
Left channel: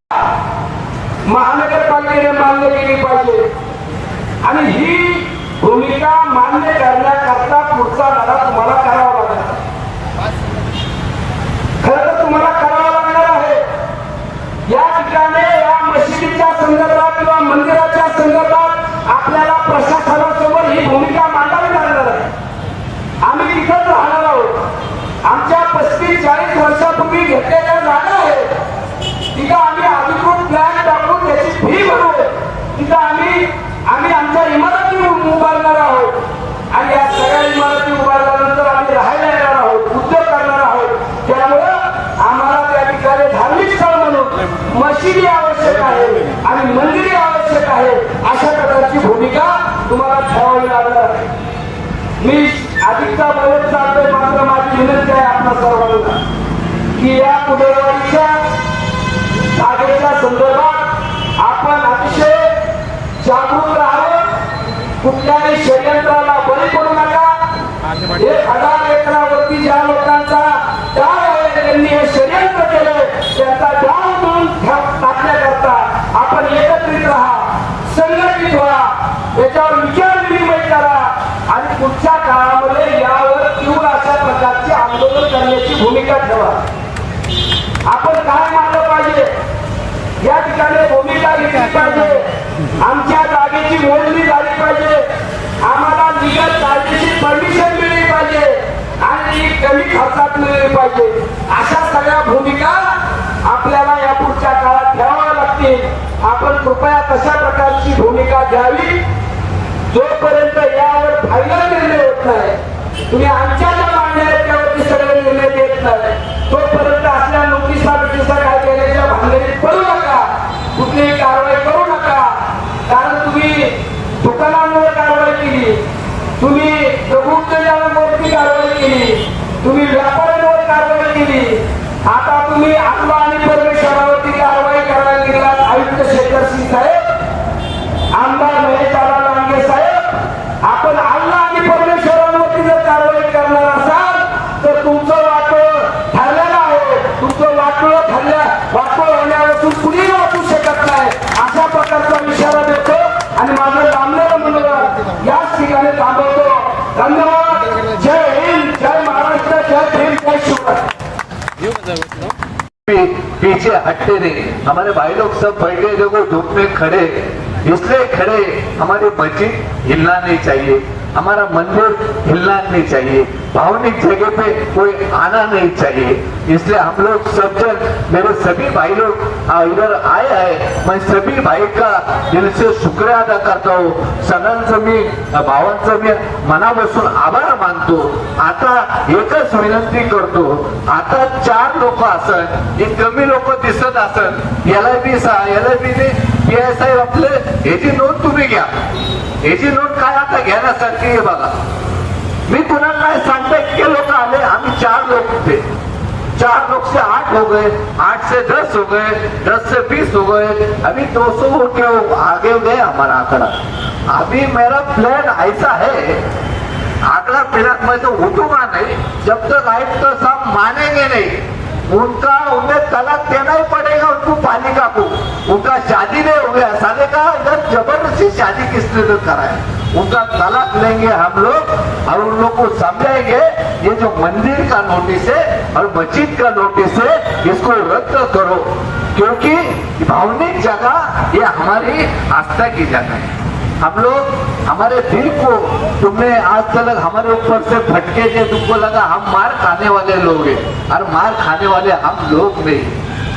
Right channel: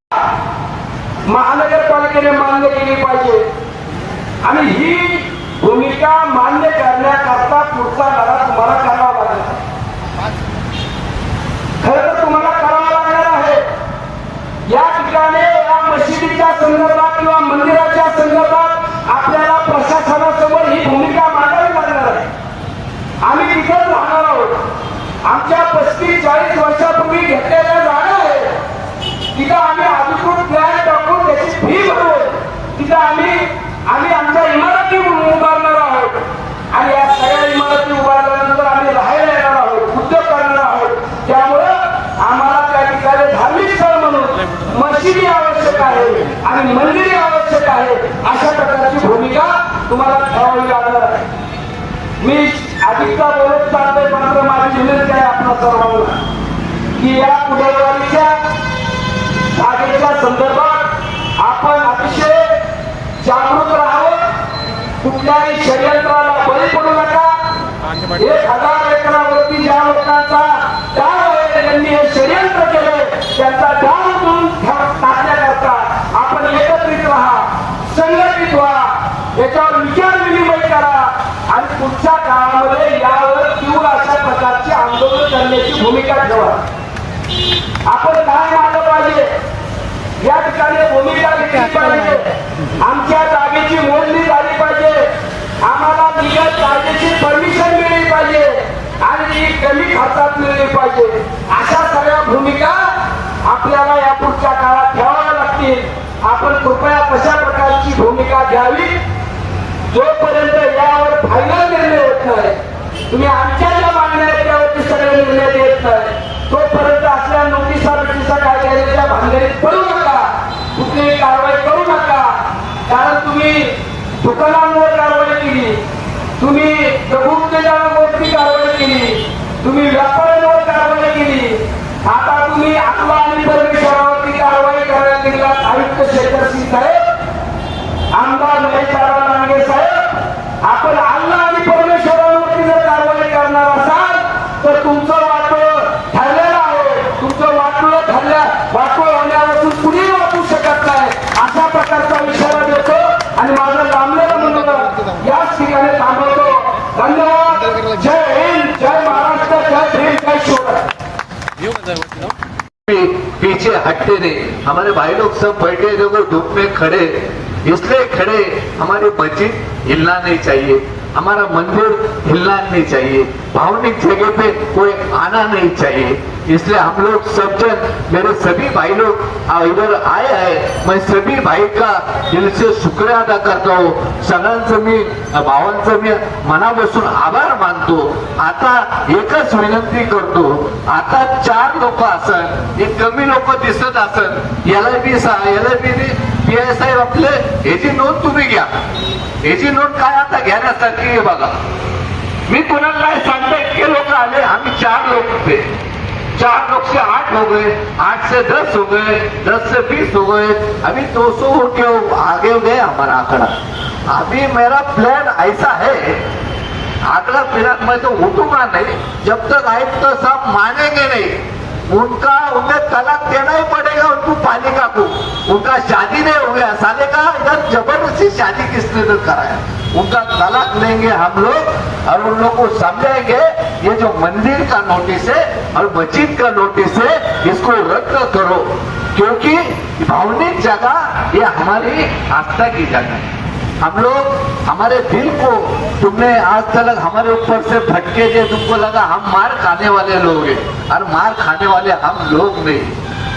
महानगरपालिकेने मान्य केली पाहिजे आणि ही भूमिका मान्य करण्याकरता पुढचा लढा तुम्हाला करावा लागणार. खरं तर तुम्हाला करावा लागणार आहे. या ठिकाणी या मशिदीच्या संदर्भात किंवा मंदिराच्या संदर्भात आपल्याला प्रशासनासमोर ही भूमिका मांडावी लागणार आहे. आम्ही तिथंच राहणार आहोत. आमच्या 35-40 वर्षापूर्वी घेतलेल्या जागा आहे तिथं आम्ही अधिकृत प्लॅन टाकून त्याची फी भरून तिथं आम्ही आमच्या इमारती उभारणार आहोत आणि या सगळ्या इमारती उभारल्यानंतर आम्ही राहायला येणार आहोत, उद्योग करणार आहोत. त्यामुळं आम्हाला त्या ठिकाणी धार्मिक स्थळ म्हणून मशिदी आवश्यक आहे आणि मंदिरे आवश्यक आहे. अशा प्रकारची भूमिका तुम्हाला ठेवावी लागणार आहे. मी अधिकता बोलत चालतोय, मात्र माझी विनंती आहे आपल्या सर्वांना की या कुदळवाडीच्या जागेच्या संदर्भात आपण अतिशय जागृत राहावं. कुठल्याही षडयंत्राला बळी पडू नका. 1000 एकरावरती ज्या लोकांचा डाव आहे त्यांनी हे षडयंत्र केलंय त्यांचा डाव उधळून टाकण्याकरता आपण एकत्रित राहा, संघटित व्हा, याच्यावर विचार विनिमय करा आणि पुढच्या काळामध्ये यावर तीव्र अशा प्रकारची आंदोलन करण्याची भूमिका ठेवा. आपण काय मानलं पाहिजे या ठिकाणी भूमिका घेतली पाहिजे. आमच्या जागेची मोजणी झाली पाहिजे, आम्हाला निघत कायदेशीर परमिशन मिळली पाहिजे आणि ती कमी खर्चात मिळली पाहिजे. अशा सगळ्या भूमिका आपल्याला या पुढच्या काळात ठेवाव्या लागतील. आपण कृपया तशा प्रकारची भूमिका घ्यावी. जोपर्यंत यावर फायनल निर्णय होत नाही, तुम्ही आमच्या ज्या मागण्या आहेत त्यावरती सगळे निर्णय देत नाही, तोपर्यंत असल्या नोटिसा काय देण्याच्या भानगडीत पडू नका, कुठलीही कारवाई करू नका. कारण तुम्ही दुकानांवर कारवाई केली, तुम्ही दगडूशेठांवरती कारवाई केली, तुम्ही व्यापाऱ्यांवर कारवाई केली, आता तुम्ही अल्लाह आणि परमेश्वरावरती कारवाई करायला निघालात. आयुक्त शेखर सिंग साहेब, आमदार महेशदादा लांडगे साहेब, आपण अल्लाह आणि परमेश्वरावरती जर कारवाई करणार असाल तर तुमचं वाटोळं ठरलेलं आहे. तुमचं वाटोळं होण्यापासून कुणीही वाचू शकत नाही. अशा प्रकारचा माझं लांबलेलं मनोरथ याच ठिकाणी थांबवतो. धन्यवाद. जय हिंद, जय महाराष्ट्र, जय भीम, जय शिवराय. पीछे हटते नहीं. हमारे भाई लोग सब बैठे देखो धूप में खड़े, इसलिए खड़े हमारी मस्जिद हिलना नहीं चाहिए, हमारा मंदिर हिलना नहीं चाहिए, भावनिक जगह पे कोई आना नहीं चाहिए. इसलिए हम लोग सब जन, मेरे सभी भाई लोग इधर आए हैं. मैं सभी भाई का दिल से शुक्रिया अदा करता हूँ. सगळ्यांचं मी भावांचं मी मनापासून आभार मानतो. आता एकच विनंती करतो, आता 4 लोक असत, एक कमी लोक दिसत असत, याला बी पीआय साहेब आपले याची नोंद तुम्ही घ्या. याची नोंद काय आता घेण्यासारखी आहे बघा. मी कुणाला काय सांगता, इतके लोक आले, आम्ही 4 लोग थे. 4 लोग से 8 हो गए, 8 से 10 हो गए, 10 से 20 हो गए, अभी 200 के आगे गए हमारा आंकड़ा. अभी मेरा प्लान ऐसा है, आंकड़ा प्लान में तो उठूंगा नहीं जब तक आयुक्त साहब मानेंगे नहीं. उन्हें तलाक देना ही पड़ेगा उनको, पालिका को. उनका शादी नहीं हो गया साले का, इधर जबरदस्ती शादी किसने तो करा है. उनका तलाक लेंगे हम लोग और उन लोग को समझाएंगे ये जो मंदिर का नोटिस है और मस्जिद का नोटिस है इसको रद्द करो, क्योंकि भावनिक जगह ये हमारी आस्था की जगह है. हम लोग हमारे दिल को, तुमने आज तक हमारे ऊपर से फटके दिए, तुमको लगा हम मार खाने वाले लोग हैं. और मार खाने वाले हम लोग नहीं,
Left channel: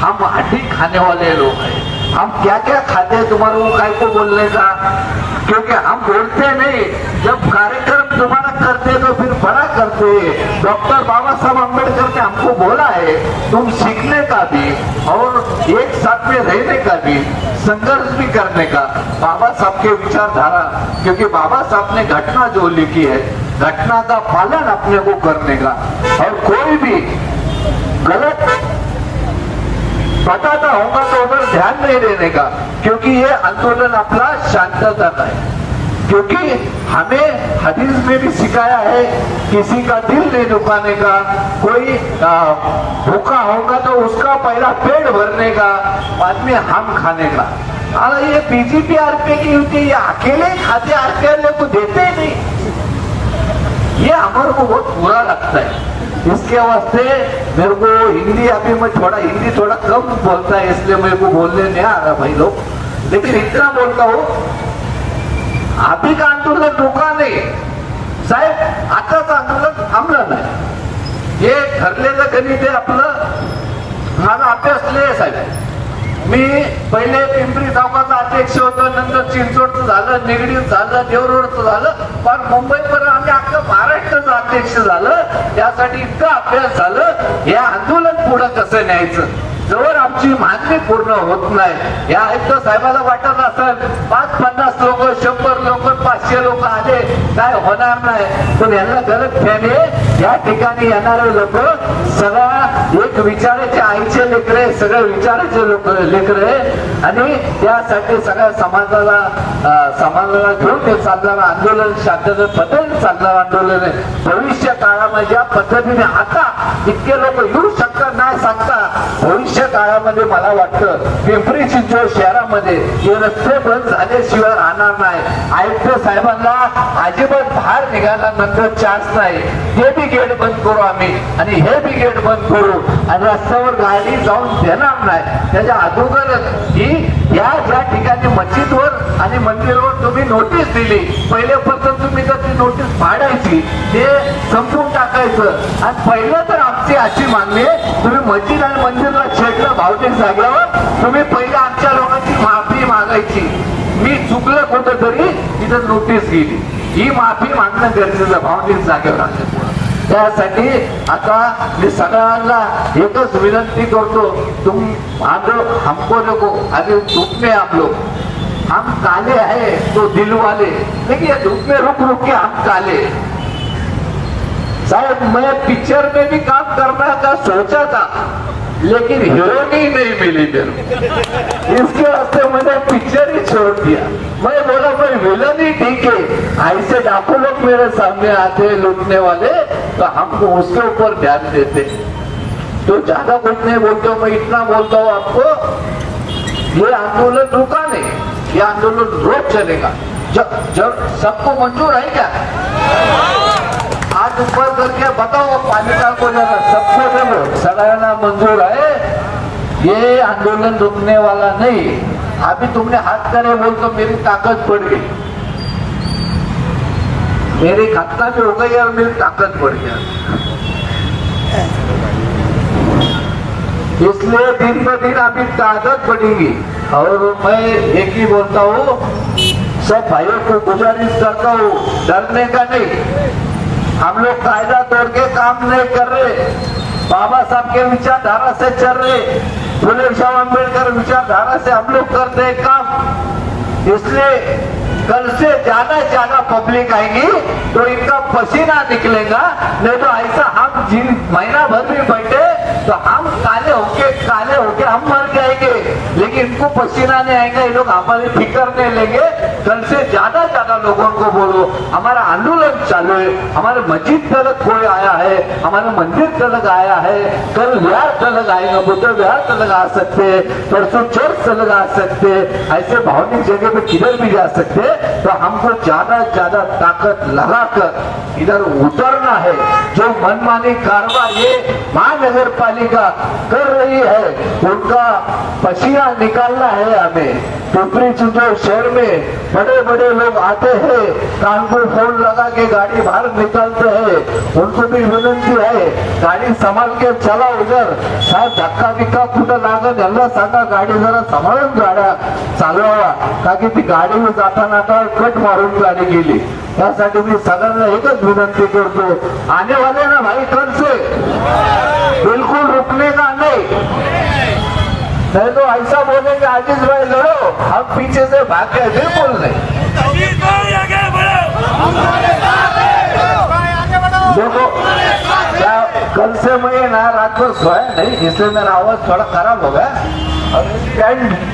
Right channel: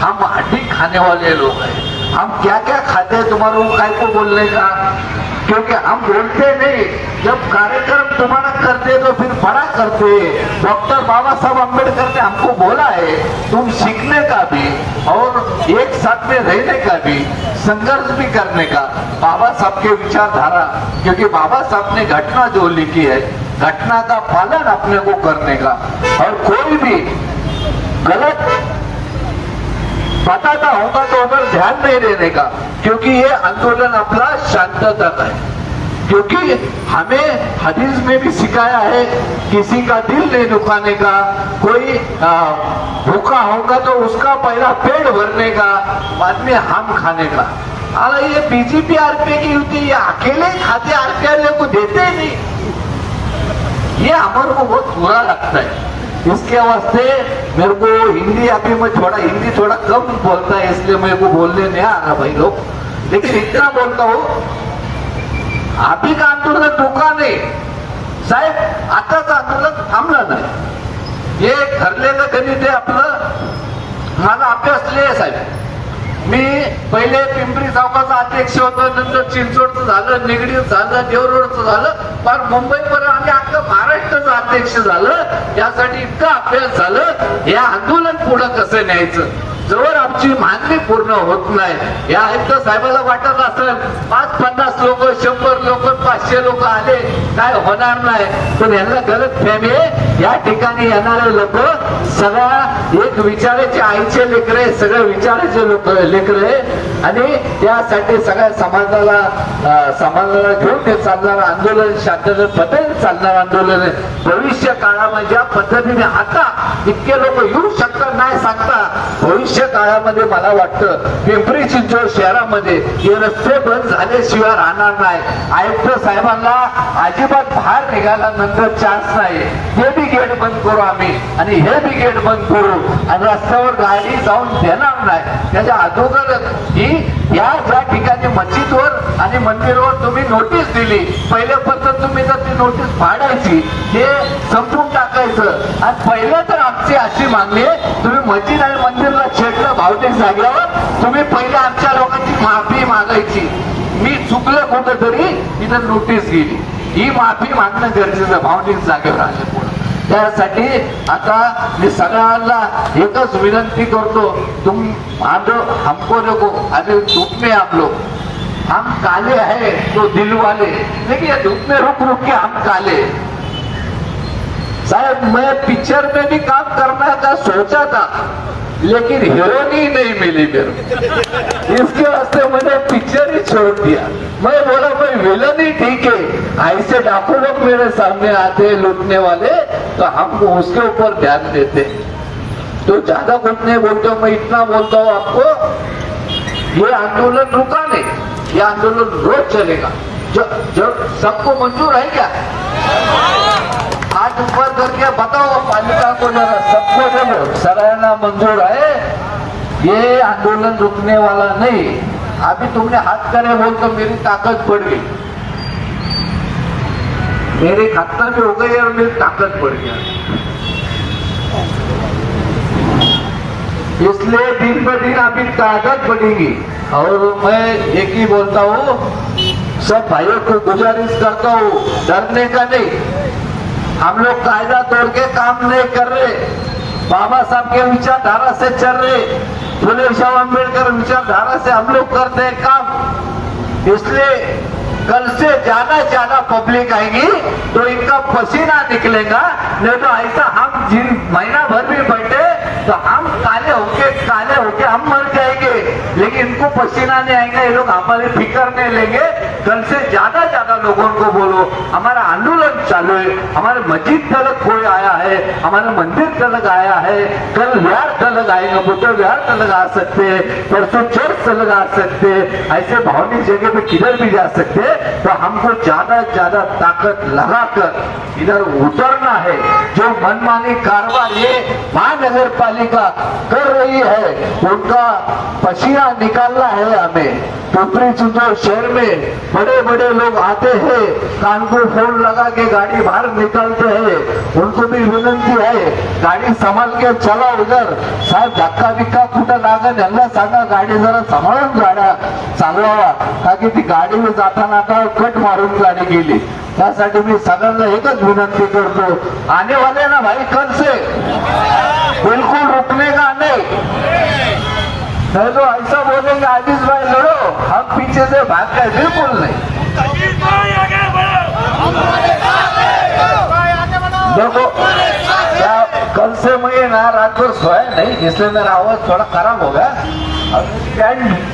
हम हड्डी खाने वाले लोग हैं. हम क्या क्या खाते हैं तुम्हारे को काय को बोलने का, क्योंकि हम बोलते नहीं. जब कार्यक्रम तुम्हारा करते तो फिर बड़ा करते. डॉक्टर बाबा साहब अम्बेडकर ने हमको बोला है तुम सीखने का भी और एक साथ में रहने का भी, संघर्ष भी करने का. बाबा साहब के विचारधारा, क्योंकि बाबा साहब ने घटना जो लिखी है, घटना का पालन अपने को करने का, और कोई भी गलत बताता होगा तो उधर ध्यान नहीं देने का, क्योंकि ये आंदोलन अपना शांतता का है. क्योंकि हमें हदीस में भी सिखाया है किसी का दिल नहीं दुखाने का, कोई भूखा होगा तो उसका पहला पेट भरने का, बाद में हम खाने का. और ये बीजेपी आरपीआई की युति ये अकेले ही खाते, आरपीआई को देते ही नहीं. ये हमारे को बहुत बुरा लगता है. इसके वास्ते मेरे को हिंदी, अभी मैं हिंदी थोड़ा कम बोलता है, इसलिए मेरे को बोलने नहीं आ रहा भाई लोग, लेकिन इतना बोलता हूँ. अभी का आंदोलन रुका नाही साहेब, आताच आंदोलन थांबलं ना. हे ठरलेलं गणित आहे आपलं. माझा अभ्यास नाही साहेब. मी पहिले पिंपरी चौकाचा अध्यक्ष होतो, नंतर चिंचवडचं झालं, निगडीचं झालं, देवरोडचं झालं, पण मुंबईपर्यंत आम्ही अख्खं महाराष्ट्राचं अध्यक्ष झालं. यासाठी इतका अभ्यास झालं, या आंदोलन पुढं कसं न्यायचं. जवळ आमची मागणी पूर्ण होत नाही, या आयुक्त साहेबाला वाटत असेल 5-50 लोक, 100 लोक, 500 लोक आले काय होणार नाही, पण यांना गलत फहमी आहे. या ठिकाणी येणारे लोक सगळ्या एक विचाराचे आईचे लेकरे, सगळे विचाराचे लोक लेकरे, आणि त्यासाठी सगळ्या समाजाला घेऊन ते चालणारं आंदोलन, शांततेने पद्धतीने चालणारं आंदोलन आहे. भविष्य काळामध्ये ज्या पद्धतीने आता इतके लोक येऊ शकतात नाही सांगता, भविष्य काळामध्ये मला वाटतं पिंपरी चिंचवड शहरामध्ये हे रस्ते बंद झाल्याशिवाय राहणार नाही. आयुक्त साहेबांना अजिबात बाहेर निघाल्यानंतर चान्स नाही. हे बी गेट बंद करू आम्ही, आणि हे बी गेट बंद करू, आणि रस्त्यावर गाडी जाऊन देणार नाही. त्याच्या अगोदर ही या ज्या ठिकाणी मस्जिदवर आणि मंदिरावर तुम्ही नोटीस दिली, पहिल्या पद्धत तुम्ही तर ती नोटीस फाडायची, ते संपून टाकायचं. आणि पहिलं तर आमची अशी मागणी आहे, तुम्ही मस्जिद आणि मंदिरला छेडलं भावनिक जागेवर, तुम्ही पहिले आमच्या लोकांची माफी मागायची. मी चुकलं कुठं तरी तिथं नोटीस गेली, ही माफी मागणं गरजेचं भावनिक जागेवर आल्यामुळे. त्यासाठी आता मी सगळ्यांना एकच विनंती करतो, तुम हमको देखो, अभी धूप में आप लोग, हम काले हैं तो दिल वाले, देखिए धूप में रुक रुक के हम काले. साहब मैं पिक्चर में भी काम करने का सोचा था, लेकिन हीरोनी नहीं मिली मेरे, इसके वास्ते मैंने पिक्चर ही छोड़ दिया. मैं बोला मैं विलन ही ठीक है, ऐसे डाकू लोग मेरे सामने आते हैं लूटने वाले, तो हमको उसके ऊपर ध्यान देते. तो ज्यादा कुछ नहीं बोलता हूँ, मैं इतना बोलता हूँ आपको, ये आंदोलन रुका नहीं. ये आंदोलन रोज चलेगा। जब सबको मंजूर है क्या? आज ऊपर करके बताओ पालिका को जरा, सबको जब सराहना मंजूर है, ये आंदोलन रुकने वाला नहीं। अभी तुमने हाथ करे बोल तो मेरी ताकत बढ़ गई, मेरी खतना भी हो गई और मेरी ताकत बढ़ गया। इसलिए दिन ब दिन अभी ताकत बढ़ेगी। और मैं एक ही बोलता हूँ, सब भाइयों को गुजारिश करता हूँ, डरने का नहीं। हम लोग कायदा तोड़ के काम नहीं कर रहे, बाबा साहब के विचारधारा से चल रहे, फुले शाह अम्बेडकर विचारधारा से हम लोग करते हैं काम। इसलिए कल से ज्यादा पब्लिक आएगी तो इनका पसीना निकलेगा। नहीं तो ऐसा हम जिन महीना भर भी बैठे तो हम काले होके हम मर जाएंगे, लेकिन इनको पसीना नहीं आएंगे, ये लोग हमारी फिक्र नहीं लेंगे। कल से ज्यादा लोगों को बोलो हमारा आंदोलन चालू है, हमारे मस्जिद तक कोई आया है, हमारे मंदिर तक आया है, कल लिहार तक आएंगे, बुधवार लिहार तक आ सकते हैं, परसों चर्च तक आ सकते हैं, ऐसे भावनिक जगह पे किधर भी जा सकते हैं। तो हमको ज्यादा ताकत लगाकर इधर उतरना है। जो मनमानी कारवार ये महानगर पालिका कर रही है, उनका पसीना निकालना है हमें। पिंपरी चिंचवड शहर में बड़े लोग आते हैं, कान को फोन लगा के गाड़ी बाहर निकालते हैं, उनको भी विनंती है गाड़ी संभाल के चला। उधर साहेब धक्का बिक्का कुठं लागत यांना सांगा, गाडी जरा सांभाळून गाड्या चालवावा, ताकि ती गाडी में जाताना आता कट मारून गाडी गेली। त्यासाठी मी सगळ्यांना एकच विनंती करतो, आने वाले ना भाई कल से बिल्कुल रुकने का नहीं तो ऐसा बोलेंगे आजीज भाई लड़ो, हम पीछे से भाग गए, बिल्कुल नहीं। देखो क्या कल से मैं ना रात को सोया नहीं, इसलिए मेरा आवाज थोड़ा खराब हो गया और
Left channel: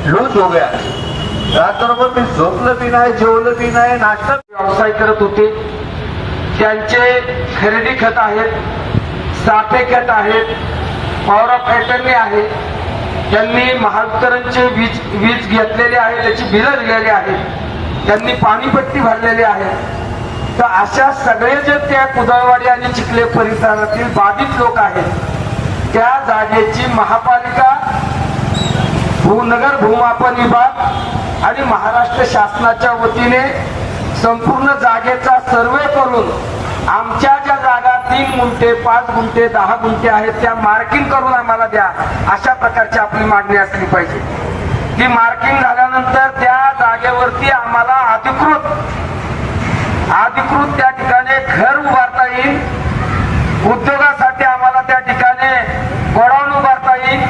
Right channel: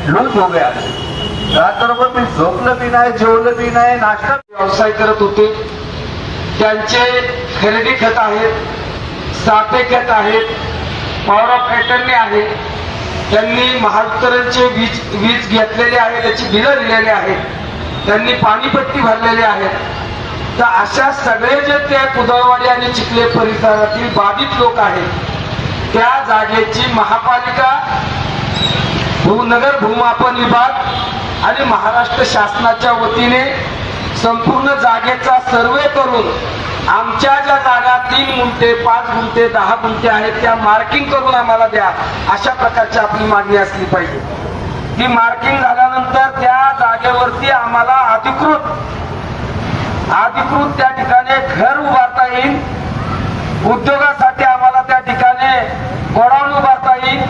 लूज हो गया। रात्रभर मी झोपलं बी नाही, जेवलं बी नाही, नाश्ता व्यवसाय करत होते, त्यांचे खरेदी खत आहेत, साठे खत आहेत, पॉवर पॅटर्नने आहे, त्यांनी महावितरणचे वीज घेतलेले आहे, त्याची बिलं दिलेली आहेत, त्यांनी पाणीपट्टी भरलेली आहे। तर अशा सगळे जे त्या कुदळवाडी आणि चिखले परिसरातील बाधित लोक आहेत, त्या जागेची महापालिका, नगर भूमापन विभाग आणि महाराष्ट्र शासनाच्या वतीने संपूर्ण जागेचा सर्वे करून आमच्या ज्या जागा 3 गुंठे 5 गुंठे 10 गुंठे आहेत त्या मार्किंग करून आम्हाला द्या, अशा प्रकारची आपली मागणी असली पाहिजे। ती मार्किंग झाल्यानंतर त्या जागेवरती आम्हाला अधिकृत त्या ठिकाणी घर उभारता येईल, उद्योगासाठी आम्हाला त्या ठिकाणी गोडाऊन उभारता येईल,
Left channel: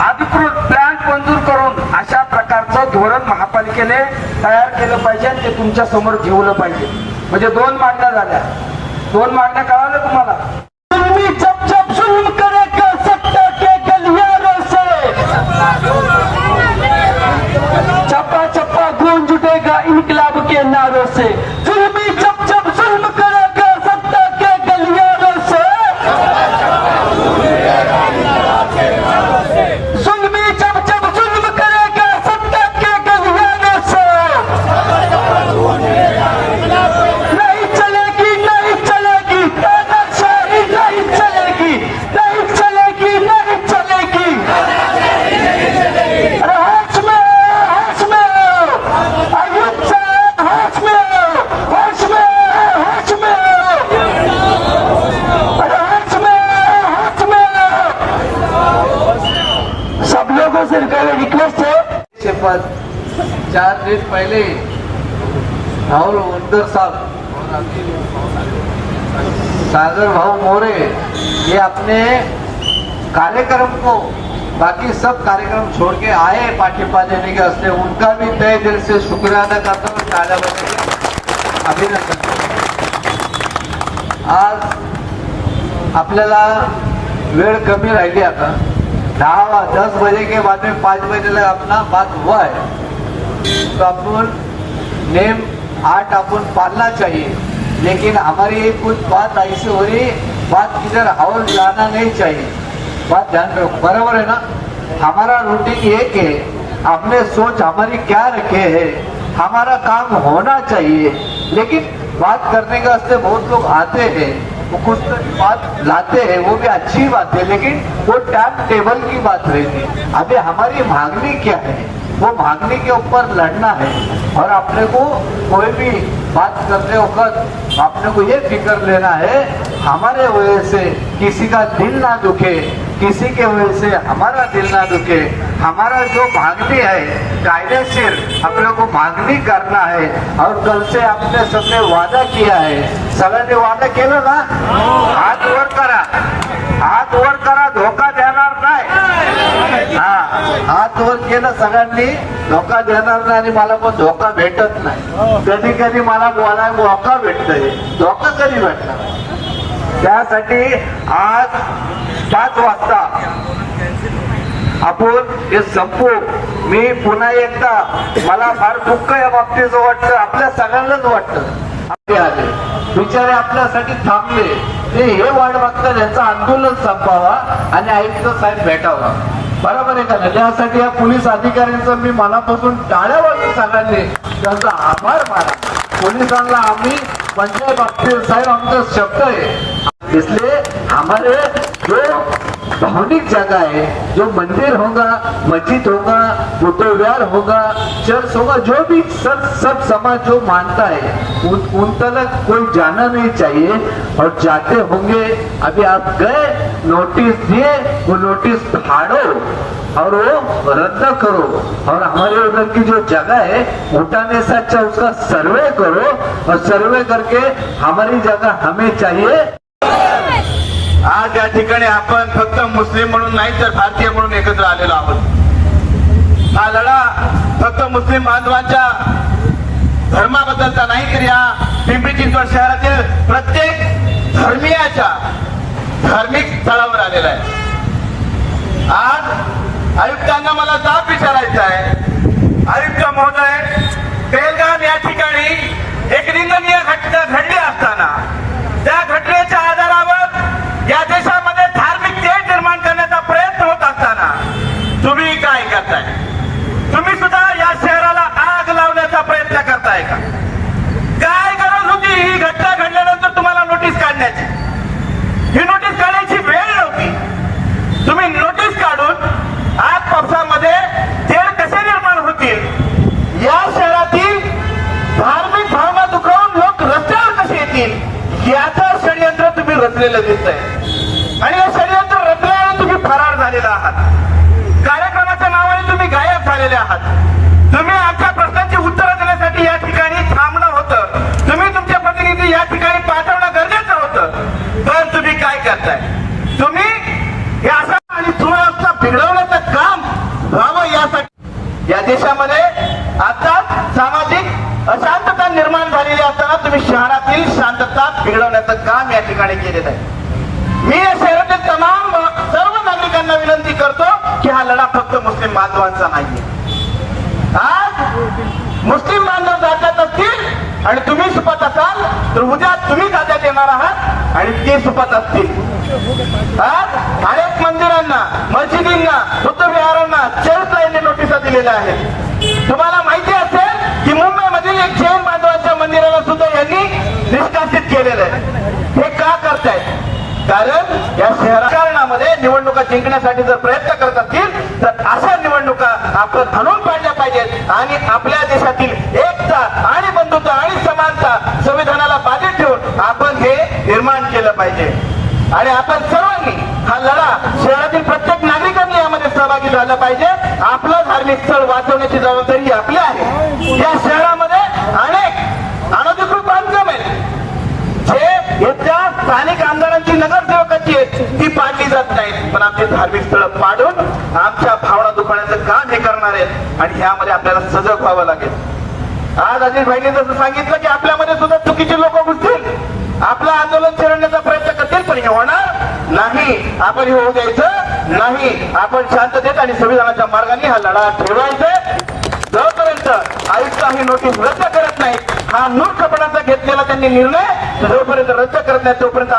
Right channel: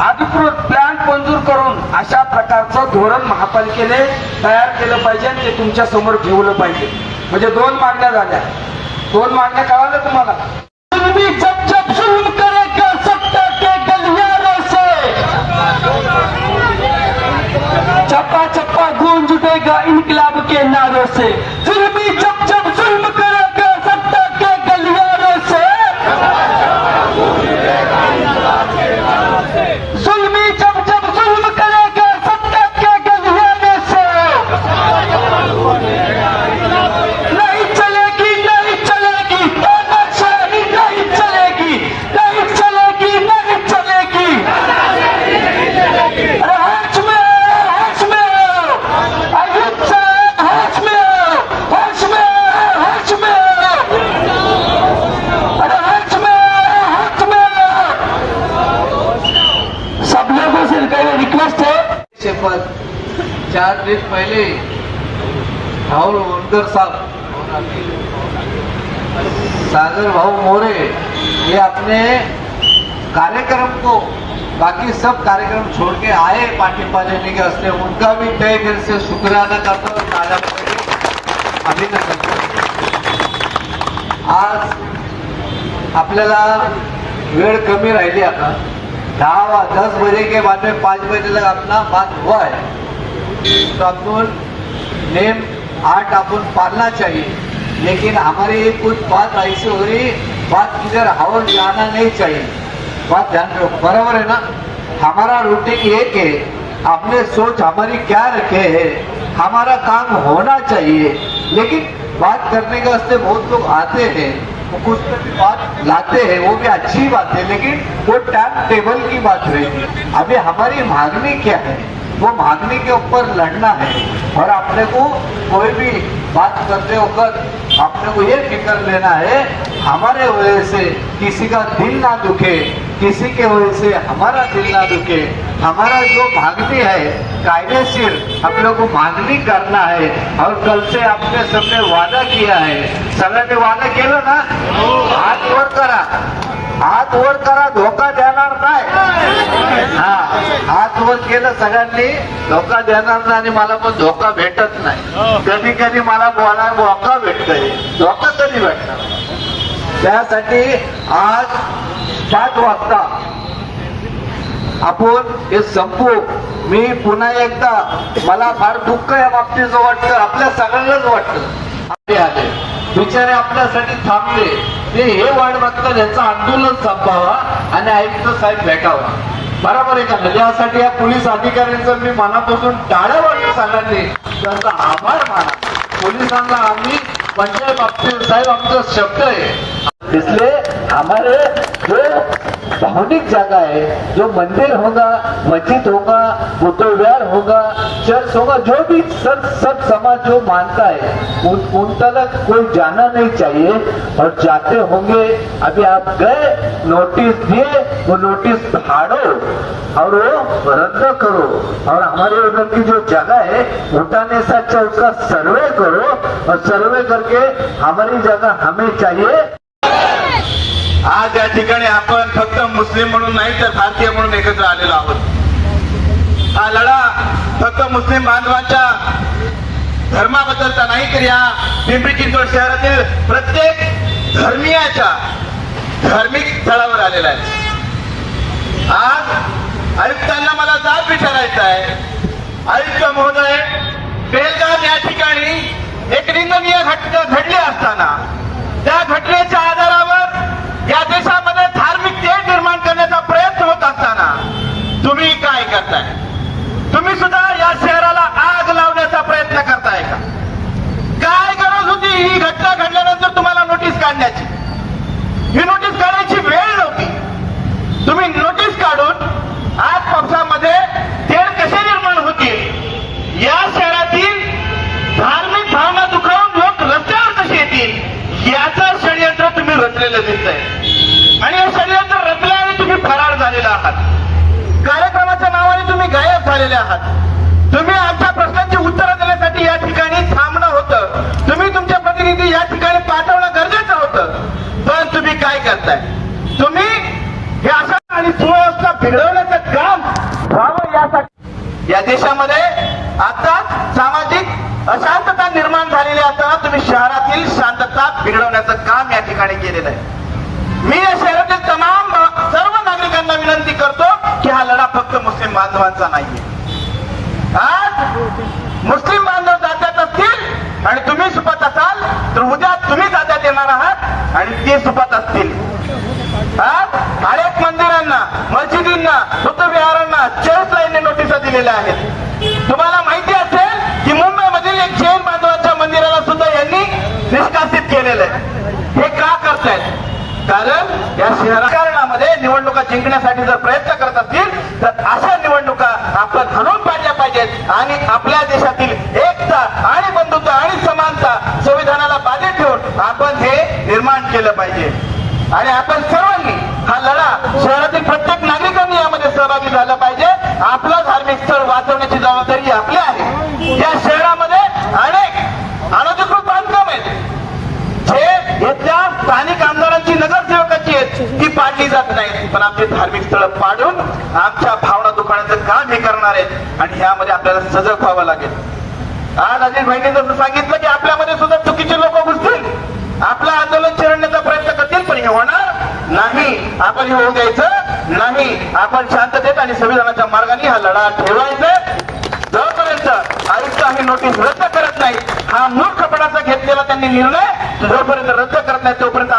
अधिकृत प्लॅन मंजूर करून अशा प्रकारचं धोरण महापालिकेने तयार केलं पाहिजे आणि ते तुमच्या समोर ठेवलं पाहिजे। म्हणजे 2 मागण्या झाल्या, 2 मागण्या कळाल्या तुम्हाला। जब जुल्म करेगा सत्ता के गलियारों से, चप्पा चप्पा गूंज देगा इनकलाब के नारों से। जुल्मी जब जुल्म करेगा सत्ता के गलियारों से, जुल्मी जब जुल्म करेगा सत्ता के गलियारों से, नहीं चलेगी तानाशाही, नहीं चलेगी। अरे होश में आओ, अयुब साहब होश में आओ, अरे होश में आओ। सब लोगों से रिक्वेस्ट है, शपथ 4 दिन पहले राहुल वनकर साहब, सागर भाऊ मोरे, ये अपने कार्यक्रम को, बाकी सब कार्यक्रम छोड़ के आए पाटिपा लेने के वास्ते, उनका भी तहे दिल से शुक्रिया अदा करता हूँ, अभिनंदन करतो। आज आपल्याला वेळ कमी राहिली, आता 10 बजे के बाद में 5 बजे तक अपना बात हुआ है, तो अपन नेम 8 अपन पालना चाहिए। लेकिन हमारी कुछ बात ऐसी हो रही, बात किधर हवा जाना नहीं चाहिए, बात ध्यान रखो, बराबर है ना। हमारा रूटीन एक है, आपने सोच हमारी क्या रखे है, हमारा काम होना चाहिए। लेकिन बात करने के वास्ते बहुत लोग आते हैं, वो कुछ तो बात लाते हैं, वो भी अच्छी बात है, लेकिन वो टाइम टेबल की बात रहती है। अभी हमारी मांगनी क्या है, वो मांगनी के ऊपर लड़ना है। और अपने को कोई भी बात करते वक्त अपने को ये फिक्र लेना है, हमारे वजह से किसी का दिल ना दुखे, किसी के वजह से हमारा दिल ना दुखे। हमारा जो मांगनी है कायदेशीर अपने को मांगनी करना है। और कल से आपने सबने वादा किया है, सगळ्यांनी वादा केलं ना, हात वर करा, हात वर करा, धोका देणार काय? हा, हात वर केलं सगळ्यांनी, धोका देणार नाही आणि मला पण धोका भेटत नाही। कधी कधी मला बोलायला धोका भेटतोय, धोका कधी भेटणार? त्यासाठी आज 5 वाजता आपण हे संपू। मी पुन्हा एकदा, मला फार दुःख या बाबतीचं वाटतं, आपल्या सगळ्यांनाच वाटतं। आले बिचारे आपल्यासाठी थांबले, ते हे वाट बघतात यांचं आंदोलन संपावा आणि आयुक्त साहेब भेटावा, बरोबर आहे का? त्यासाठी या पोलीस अधिकाऱ्यांचं मी मनापासून टाळ्या वाजून सगळ्यांनी त्यांचा आभार माना। पोलिसांना आम्ही पंचायत बाबतीत साहेब आमचा शब्द आहे, इसलिए हमारे जो धार्मिक जगह है, जो मंदिर होगा, मस्जिद होगा, बुद्धविहार होगा, चर्च होगा, जो भी सब समाज जो मानता है उन तक कोई जाना नहीं चाहिए। और जाते होंगे, अभी आप गए, नोटिस दिए, वो नोटिस फाड़ो और वो रद्द करो। और हमारे उधर की जो जगह है उठाने से अच्छा उसका सर्वे करो, और सर्वे करके हमारी जगह हमें चाहिए। आज या ठिकाणी आपण फक्त मुस्लिम म्हणून नाही तर भारतीय म्हणून एकत्र आलेलो आहोत। हा लढा फक्त मुस्लिम बांधवांच्या धर्माबद्दलचा नाही, तर या पिंपरी चिंचवड शहरातील प्रत्येक धर्मीयाच्या धार्मिक स्थळावर आलेला आहे। आज आयुक्तांना मला जाब विचारायचा आहे, आयुक्त महोदय, बेलगाम या ठिकाणी एक निंदनीय घटना घडली असताना त्या घटनेच्या आधारावर या देशामध्ये धार्मिक तेढ निर्माण करण्याचा प्रयत्न होत असताना तुम्ही काय करताय? तुम्ही सुद्धा या शहराला आग लावण्याचा प्रयत्न करताय का? काय गरज होती ही घटना घडल्यानंतर तुम्हाला नोटीस काढण्याची? ही नोटीस काढायची वेळ नव्हती। तुम्ही नोटीस काढून आज पक्षामध्ये तेढ कसे निर्माण होतील, या शहरातील धार्मिक भावना दुखावून लोक रस्त्यावर कसे येतील, याचं षडयंत्र तुम्ही रचलेलं दिसतंय। आणि हे षडयंत्र रचले आणि तुम्ही फरार झालेला आहात, कार्यक्रमाच्या नावाने तुम्ही गायब झालेले आहात। तुम्ही आमच्या प्रश्नांची उत्तरं देण्यासाठी या ठिकाणी थांबणं होतं, तुम्ही तुमचे प्रतिनिधी या ठिकाणी पाठवणं गरजेचं होतं, पण तुम्ही काय करताय? तुम्ही हे अशा आणि सुव्यवस्था बिघडवण्याचं काम व्हावं यासाठी या देशामध्ये आता सामाजिक अशांतता निर्माण झालेली असताना तुम्ही शहरातील शांतता बिघडवण्याचं काम या ठिकाणी केलेलं आहे। मी या शहरातील तमाम सर्व नागरिकांना विनंती करतो की हा लढा फक्त मुस्लिम बांधवांचा नाहीये। आज मुस्लिम बांधव जात्यात असतील आणि तुम्ही सुपत असाल, तर उद्या तुम्ही जात्यात येणार आहात आणि ते सुपत असतील। आज अनेक मंदिरांना, मस्जिदींना, बुद्धविहारांना, चर्चला यांनी नोटिसा दिलेल्या आहेत। तुम्हाला माहिती असेल की मुंबईमधील एक जैन बांधवांच्या मंदिराला सुद्धा यांनी निष्कासित केलेलं आहे। हे का करतायत? कारण या शहरामध्ये निवडणुका जिंकण्यासाठी जर प्रयत्न करत असतील तर अशा निवडणुका आपण घडवून पाडल्या पाहिजेत आणि आपल्या देशातील एकता आणि बंधुता आणि समानता संविधानाला बाधित ठेवून आपण हे निर्माण केलं पाहिजे। आणि आपण सर्वांनी हा लढा, शहरातील प्रत्येक नागरिकांनी यामध्ये सहभागी झाला पाहिजे। आपलं धार्मिक स्थळ वाचवण्याची जबाबदारी आपली आहे। या शहरामध्ये अनेक अनधिकृत बांधकाम आहेत, जे येत्या स्थानिक आमदारांची, नगरसेवकाची आहेत, ती पाडली जात नाहीत, पण आपली धार्मिक स्थळ पाडून आमच्या भावना दुखवण्याचं काम हे करणार आहेत आणि यामध्ये आपल्याला सजग व्हावं लागेल। आज अजित भाईंनी जसं सांगितलं की आपल्यामध्ये सुद्धा चुकीचे लोक घुसतील, आपलं आंदोलन चिरडण्याचा प्रयत्न करतील, पण हे होणार नाही। आपण हे होऊ द्यायचं नाही। आपण शांततेत आणि संविधानाच्या मार्गाने हा लढा ठेवायचा। जोपर्यंत आयुक्त ही नोटीस रद्द करत नाही, हा मूर्खपणाचा घेतलेला त्यांनी निर्णय जोपर्यंत रद्द करत नाही, तोपर्यंत